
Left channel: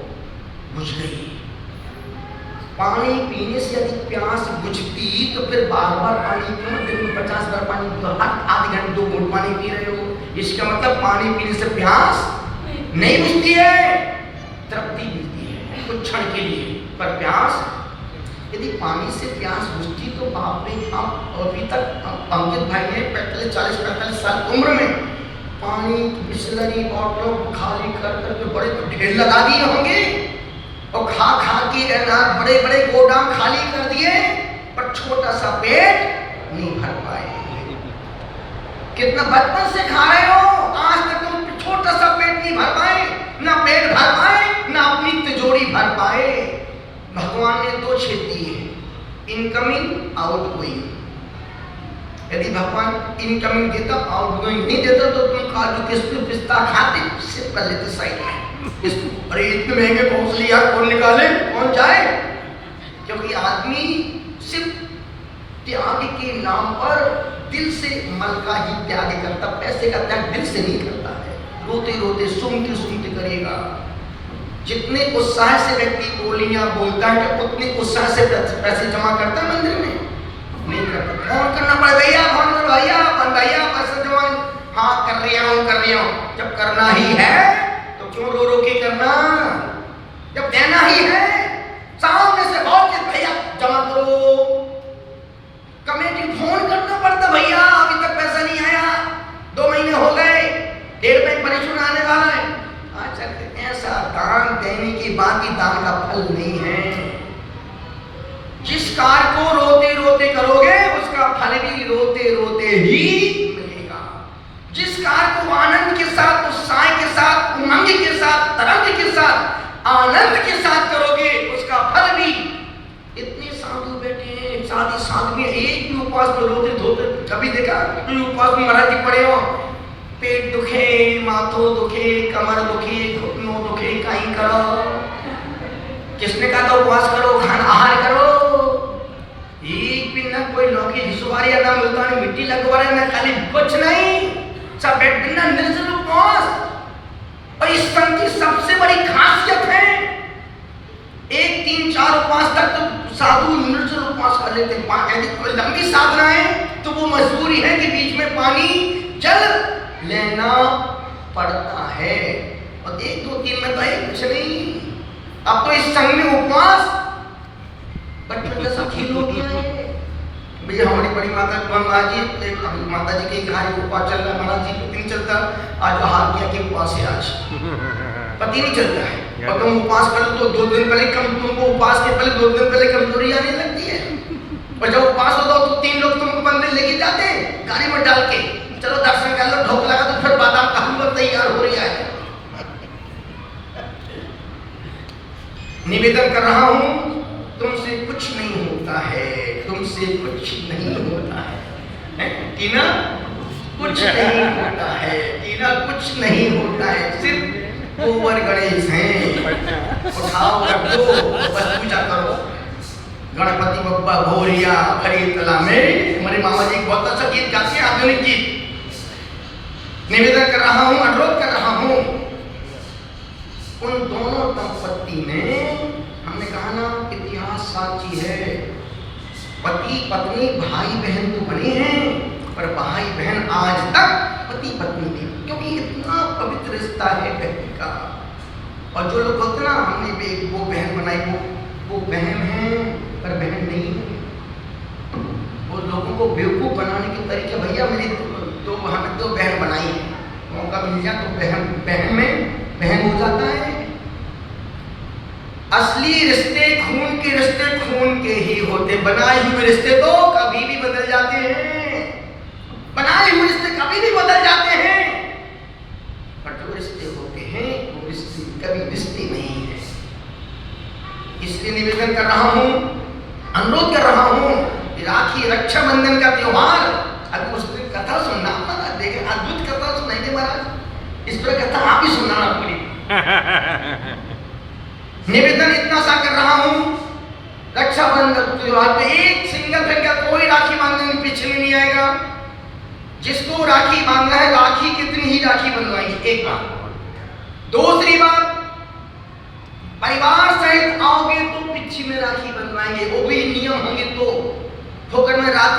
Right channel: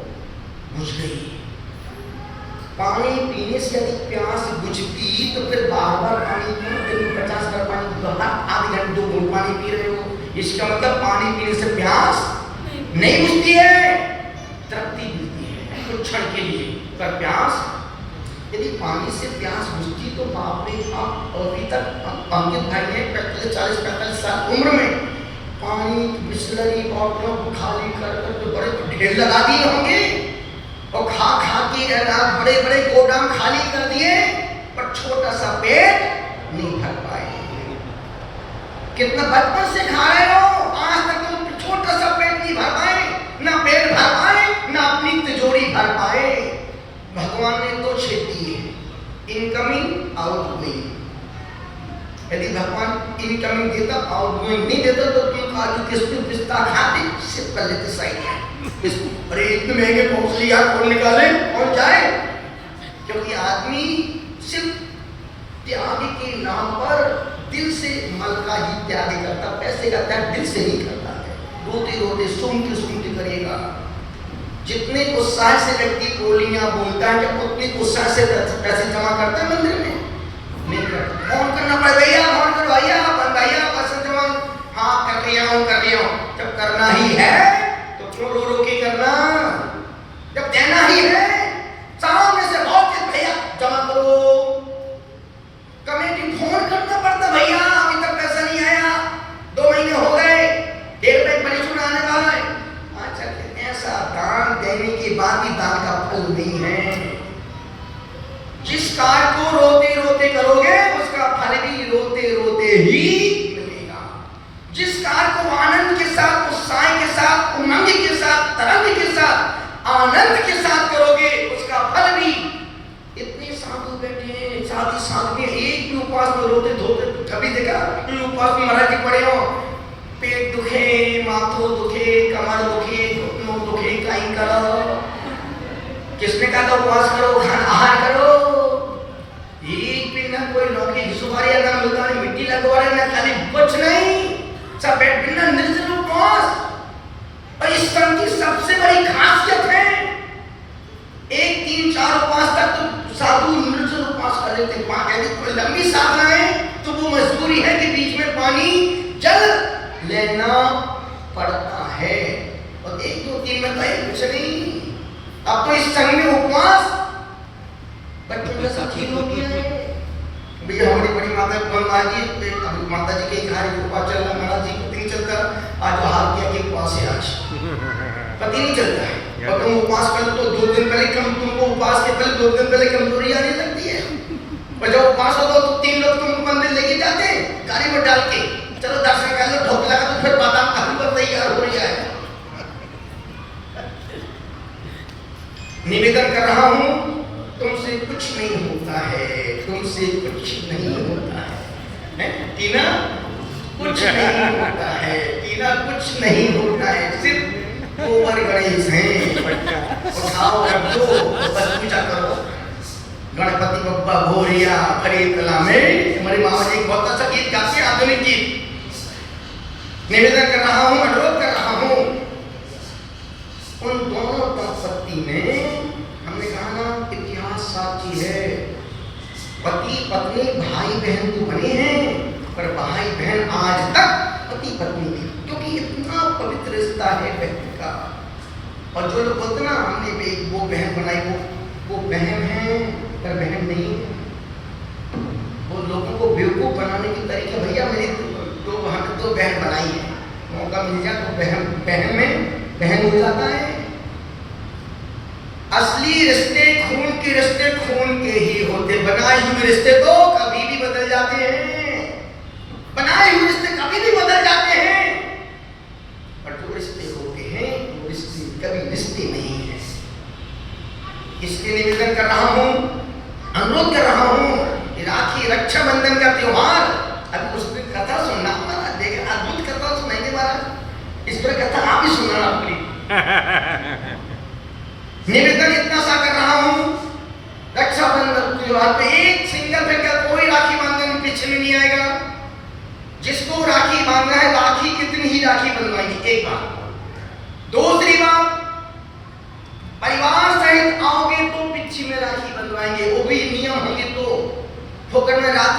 बुझ रही है। पानी पीने से यदि प्यास बुझती तो फिर बार-बार पानी क्यों? दिन में 50 बार पानी, तो हर आधे घंटे 2 घूंट पानी पी रहे हो। इसका मतलब पानी पीने से प्यास नहीं बुझती है, तृप्ति मिलती है कुछ क्षण के लिए। पर प्यास, यदि पानी से प्यास बुझती तो बाप रे बाप, अभी तक अंकित भाई ने 40-45 साल उम्र में पानी बिस्लरी बॉटलों को खाली कर बड़े ढेर लगा दिए होंगे और खा के बड़े बड़े गोदाम खाली कर दिए, पर छोटा सा पेट नहीं भर पाए। कितना बचपन से खा रहे हो, आज तक तुम छोटा सा पेट नहीं भर पाए, ना पेट भर पाए ना अपनी तिजोरी भर पाए। भगवान ने 2 छेद दिए, इनकमिंग आउटगोइंग। यदि भगवान इनकमिंग देता, आउटगोइंग नहीं देता तो तुम काजू किशमिश पिस्ता खाते, सिर्फ कर लेते साइड में। अरे इतने महंगे कौन से यार, कौन निकाले, कौन जाए? क्योंकि आदमी सिर्फ त्याग के नाम पर दिल से मल का ही त्याग करता, पैसे का त्याग दिल से नहीं करता है। रोते रोते सुनते करेगा। जितने उत्साह से व्यक्ति गोलियां बोलता है, क्या उतने उत्साह से पैसे जमा करता है मंदिर में? नहीं करता। फोन करना पड़े, भैया फोन करो, भैया भैया पैसा जमा, हाँ कर रही हूँ। जब करना ही है तो क्यों रो के करना? जब देना ही है, सामने से बहुत भैया जमा करो। कमेटी फोन करना पड़ता, भैया अभी तक पैसा नहीं आया, 2 महीने हो गए, 1.5 महीने परीक्षण आने वाला है। अच्छा, ऐसा दान देने के बाद भी दान का फल नहीं है। जिस कार्य को रोते रोते करोगे उसका फल भी रोते रोते ही मिलेगा। जिस कार्य को आनंद के साथ, उत्साह के साथ, उमंग के साथ, तरंग के साथ, आनंद के साथ करोगे उसका फल भी। इतने साधु बैठे हैं, साधी साधु में एक भी उपवास में रोते धोते कभी देखा? उपवास में महाराज जी पड़े हो, पेट दुखे, माथो दुखे, कमर दुखे, घुटनों दुखे, कहीं करो। किसने कहा था उपवास करो, खाना आहार करो? एक भी ना कोई नौकरी सब बिना निर्जल उपवास। और इस संघ की सबसे बड़ी खासियत है 1, 3, 4 उपवास तक तो साधु निर्जल उपवास कर लेते हैं। यदि कोई लंबी साधना है तो वो मजबूरी है कि बीच में पानी जल लेना पड़ता है। और 1, 2, 3 में तो है कुछ नहीं। अब तो इस संघ में उपवास बच्चों जैसा खेल हो गया है। भैया हमारी बड़ी माता महाराज जी, माता जी के घर उपवास चल रहा, महाराज जी पति नहीं चलता, आज हाथ किया कि उपवास है, आज पति नहीं चलता है। और तुम उपवास कर तो 2 दिन पहले तुमको उपवास के पहले 2 दिन पहले कमजोरी आने लगती है। और जब उपवास होता तो 3 लोग तुमको मंदिर लेके जाते हैं गाड़ी में डाल के, चलो दर्शन कर लो, ढोक लगा तो फिर बादाम का हलवा तैयार हो रहा है। निवेदन कर रहा हूं, तुमसे कुछ नहीं होता है, तुमसे कुछ नहीं होता है, टीना कुछ नहीं होता है, टीना कुछ नहीं होता है, सिर्फ गोबर गणेश हैं। उठाओ रख दो, बस पूजा करो। गणपति बप्पा भोरिया भरे कला में, हमारे मामा जी बहुत अच्छा गीत गाते हैं, आधुनिक गीत। निवेदन कर रहा हूं, अनुरोध कर रहा हूं, उन दोनों दंपत्ति में हमने कहा ना इतिहास साक्षी है। पति पत्नी भाई बहन तो बने हैं, पर भाई बहन आज तक पति पत्नी नहीं, क्योंकि इतना पवित्र रिश्ता है व्यक्ति का। और जो लोग बोलते ना हमने वो बहन बनाई, वो बहन है पर बहन नहीं है। वो लोगों को बेवकूफ बनाने के तरीके, भैया मेरी हमें 2 बहन बनाई है, मौका मिल जाए तो बहन में बहन हो जाता है। असली रिश्ते खून के ही होते, बनाए हुए रिश्ते तो कभी भी बदल जाते हैं, बनाए हुए रिश्ते कभी भी बदल जाते हैं, पर जो रिश्ते होते हैं वो रिश्ते कभी रिश्ते नहीं है। इसलिए निवेदन कर रहा हूं, अनुरोध कर रहा हूं, राखी रक्षाबंधन का त्योहार, अभी उस दिन कथा सुनना हमारा देखे, अद्भुत कथा सुनाएंगे महाराज, इस पर कथा आप ही सुनाना पूरी। निवेदन इतना सा कर रहा हूं, रक्षाबंधन त्योहार पे एक सिंगल कोई राखी बांधने पीछे नहीं आएगा। जिसको राखी बांधना है, राखी कितनी ही राखी बनवाएंगे, एक बात। दूसरी बात, परिवार सहित आओगे तो पिछी में राखी बनवाएंगे, वो भी नियम होंगे तो। ठोकर में रात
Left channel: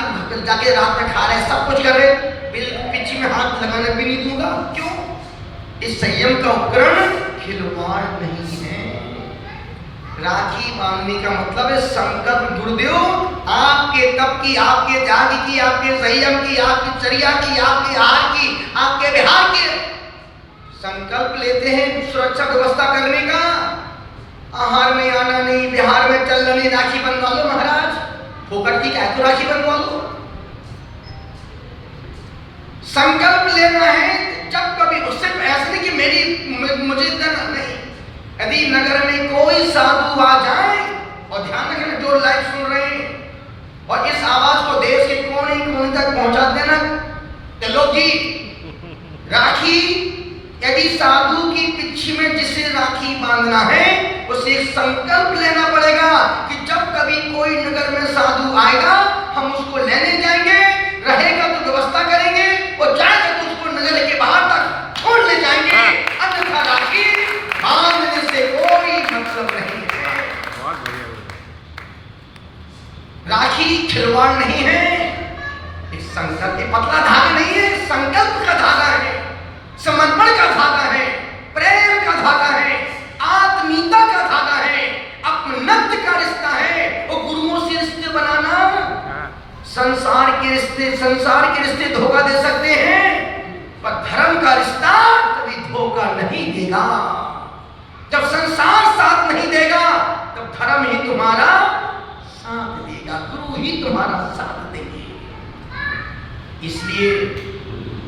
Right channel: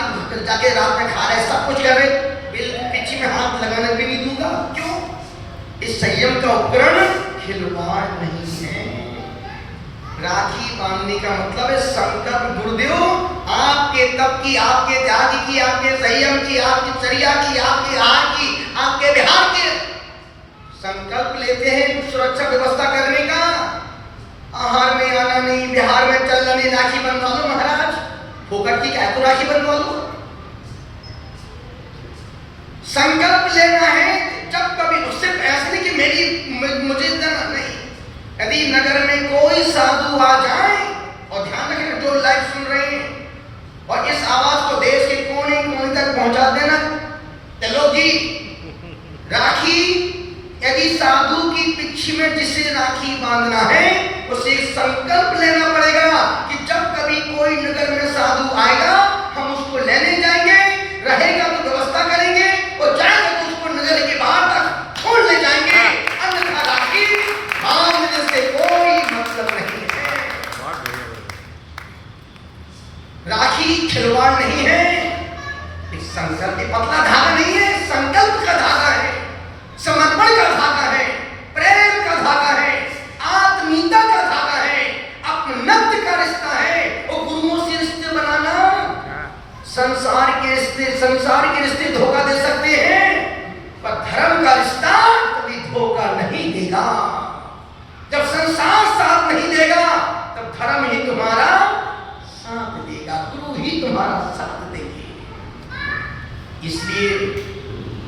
जाके रात में खा रहे, सब कुछ कर रहे, पिछी में हाथ लगाने भी नहीं दूंगा। क्यों? इस संयम का उपकरण खिलवाड़ नहीं है। राखी बांधने का मतलब है संकल्प। गुरुदेव आपके तप की, आपके त्याग की, आपके संयम की, आपकी चर्या की, आपके आहार की, आपके विहार की संकल्प लेते हैं सुरक्षा व्यवस्था करने का। आहार में आना नहीं, विहार में चलना नहीं, राखी बनवा लो महाराज, फोकट की क्या है तो राखी बनवा लो। संकल्प लेना है जब कभी, उससे ऐसे कि मुझे नहीं, यदि नगर में कोई साधु आ जाए, और ध्यान रखें जो लाइव सुन रहे हैं, और इस आवाज को देश के कोने कोने तक पहुंचा देना, चलो जी राखी, यदि साधु की पिछी में जिसे राखी बांधना है, उसे संकल्प लेना पड़ेगा कि जब कभी कोई नगर में साधु आएगा, हम उसको लेने जाएंगे, रहेगा तो व्यवस्था करेंगे, और जाएगा तो उसको नगर के बाहर तक छोड़ ले जाएंगे। अन्यथा राखी बांधने से कोई मतलब नहीं। राखी खिलवाड़ नहीं है, इस संकल्प पतला धागा नहीं है, संकल्प का धागा है, समर्पण का धागा है, प्रेम का धागा है, आत्मीयता का धागा है, अपनत्व का रिश्ता है। और गुरुओं से रिश्ते बनाना, संसार के रिश्ते धोखा दे सकते हैं, पर धर्म का रिश्ता कभी धोखा नहीं देगा। जब संसार साथ नहीं देगा, तब धर्म ही तुम्हारा साथ देगा, गुरु ही तुम्हारा साथ देंगे। इसलिए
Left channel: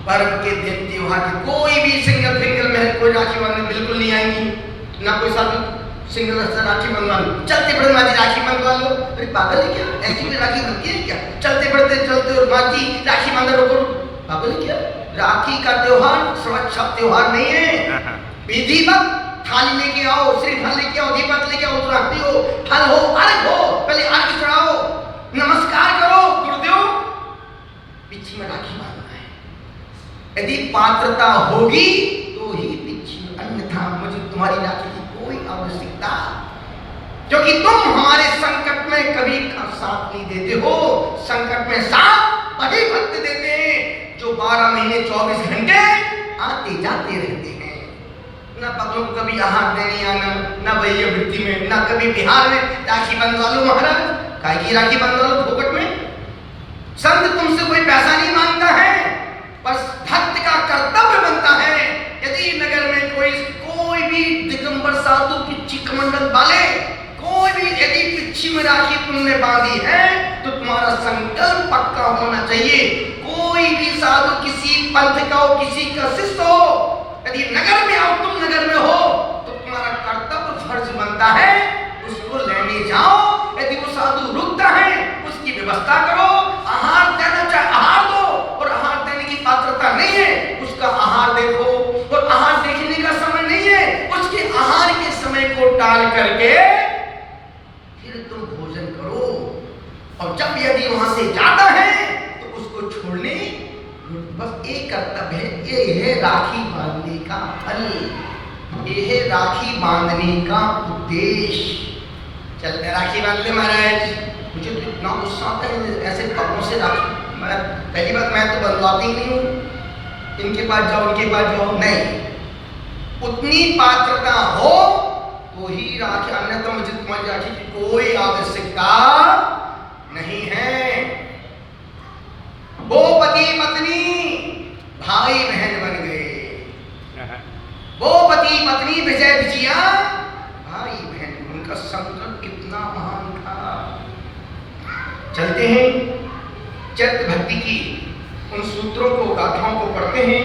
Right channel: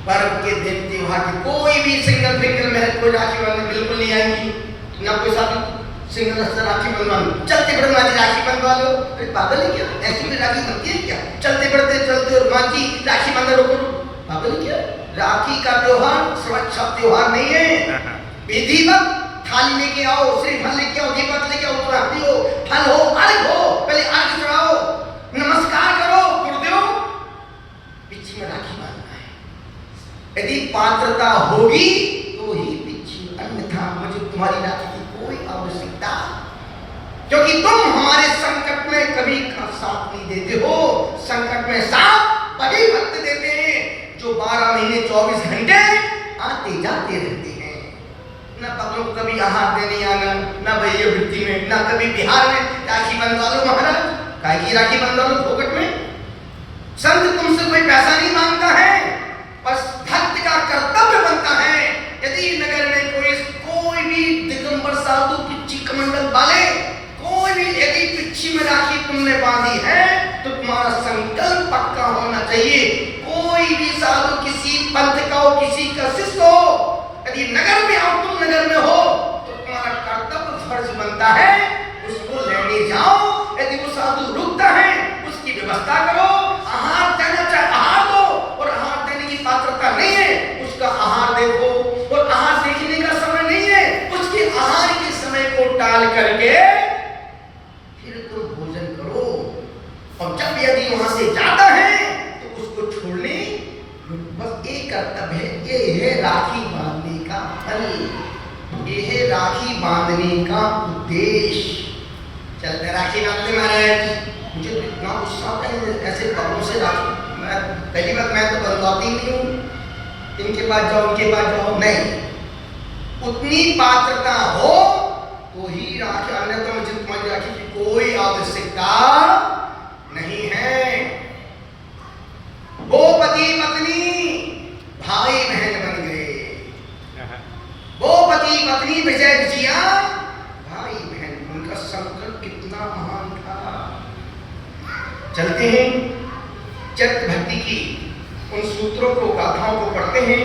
पर्व के दिन, त्योहार के कोई भी सिंगल में कोई राखी बांधने बिल्कुल नहीं आएंगी, ना कोई साधु सिंगल राखी बंधवा लो, चलते बड़े माँ जी राखी बंधवा लो, पागल है क्या? ऐसी कोई राखी बनती है क्या? चलते बढ़ते और माँ जी राखी बांधो, रोको, पागल क्या? राखी का त्योहार सुरक्षा त्योहार नहीं है। विधिवत थाली लेके आओ, श्रीफल लेके आओ, दीपक लेके आओ, उत्तराखंडी हो, फल हो, अर्घ हो, पहले अर्घ चढ़ाओ, नमस्कार करो, गुरुदेव पिछी में राखी बांधना है। यदि पात्रता होगी तो ही पिछी, अन्यथा मुझे तुम्हारी राखी की कोई आवश्यकता, क्योंकि तुम हमारे संकट में कभी साथ नहीं देते हो। संकट में साथ वही भक्त देते हैं जो 12 महीने 24 घंटे आते जाते रहते हैं। न पगलों को कभी आहार देने आना, न भैया वृत्ति में, न कभी बिहार में राखी बंधवा लो महाराज, काहे राखी बंधवा लो फोकट में। संत तुमसे कोई पैसा नहीं मांगता है, बस भक्त का कर्तव्य बनता है। यदि नगर में कोई भी दिगंबर साधु पिच्ची कमंडल वाले, कोई भी यदि पिच्ची में राखी तुमने बांधी है तो तुम्हारा संकल्प पक्का होना चाहिए। कोई भी साधु किसी पंथ का हो, किसी का शिष्य हो, यदि नगर में आओ, तुम नगर में हो, तो तुम्हारा कर्तव्य फर्ज बनता है उसको लेने जाओ। यदि वो साधु रुकता है उसकी व्यवस्था करो, आहार देना चाहे आहार दो, और आहार देने की पात्रता नहीं है उसका आहार देखो, और आहार देखने का समय नहीं है उसके आहार के समय को टाल करके फिर तुम भोजन करो। और जब यदि वहां से जाता है तो उसको छोड़ने, बस एक कर्तव्य है, ये है राखी बांधने का फल, ये है राखी बांधने का उद्देश्य। चलते राखी बांधते महाराज, मुझे तो इतना गुस्सा आता है ऐसे कपड़ों से राखी। पहली बात मैं तो बंधवाती नहीं हूँ, इनके पास जाओ उनके पास जाओ, नहीं। उतनी पात्रता हो तो ही राखी, अन्यथा मुझे तुम्हारी राखी की कोई आवश्यकता नहीं है। वो पति पत्नी भाई बहन बन गए, वो पति पत्नी विजय विजया भाई बहन, उनका संकल्प कितना महान था। चलते हैं चैत्र भक्ति की उन सूत्रों को, गाथाओं को पढ़ते हैं।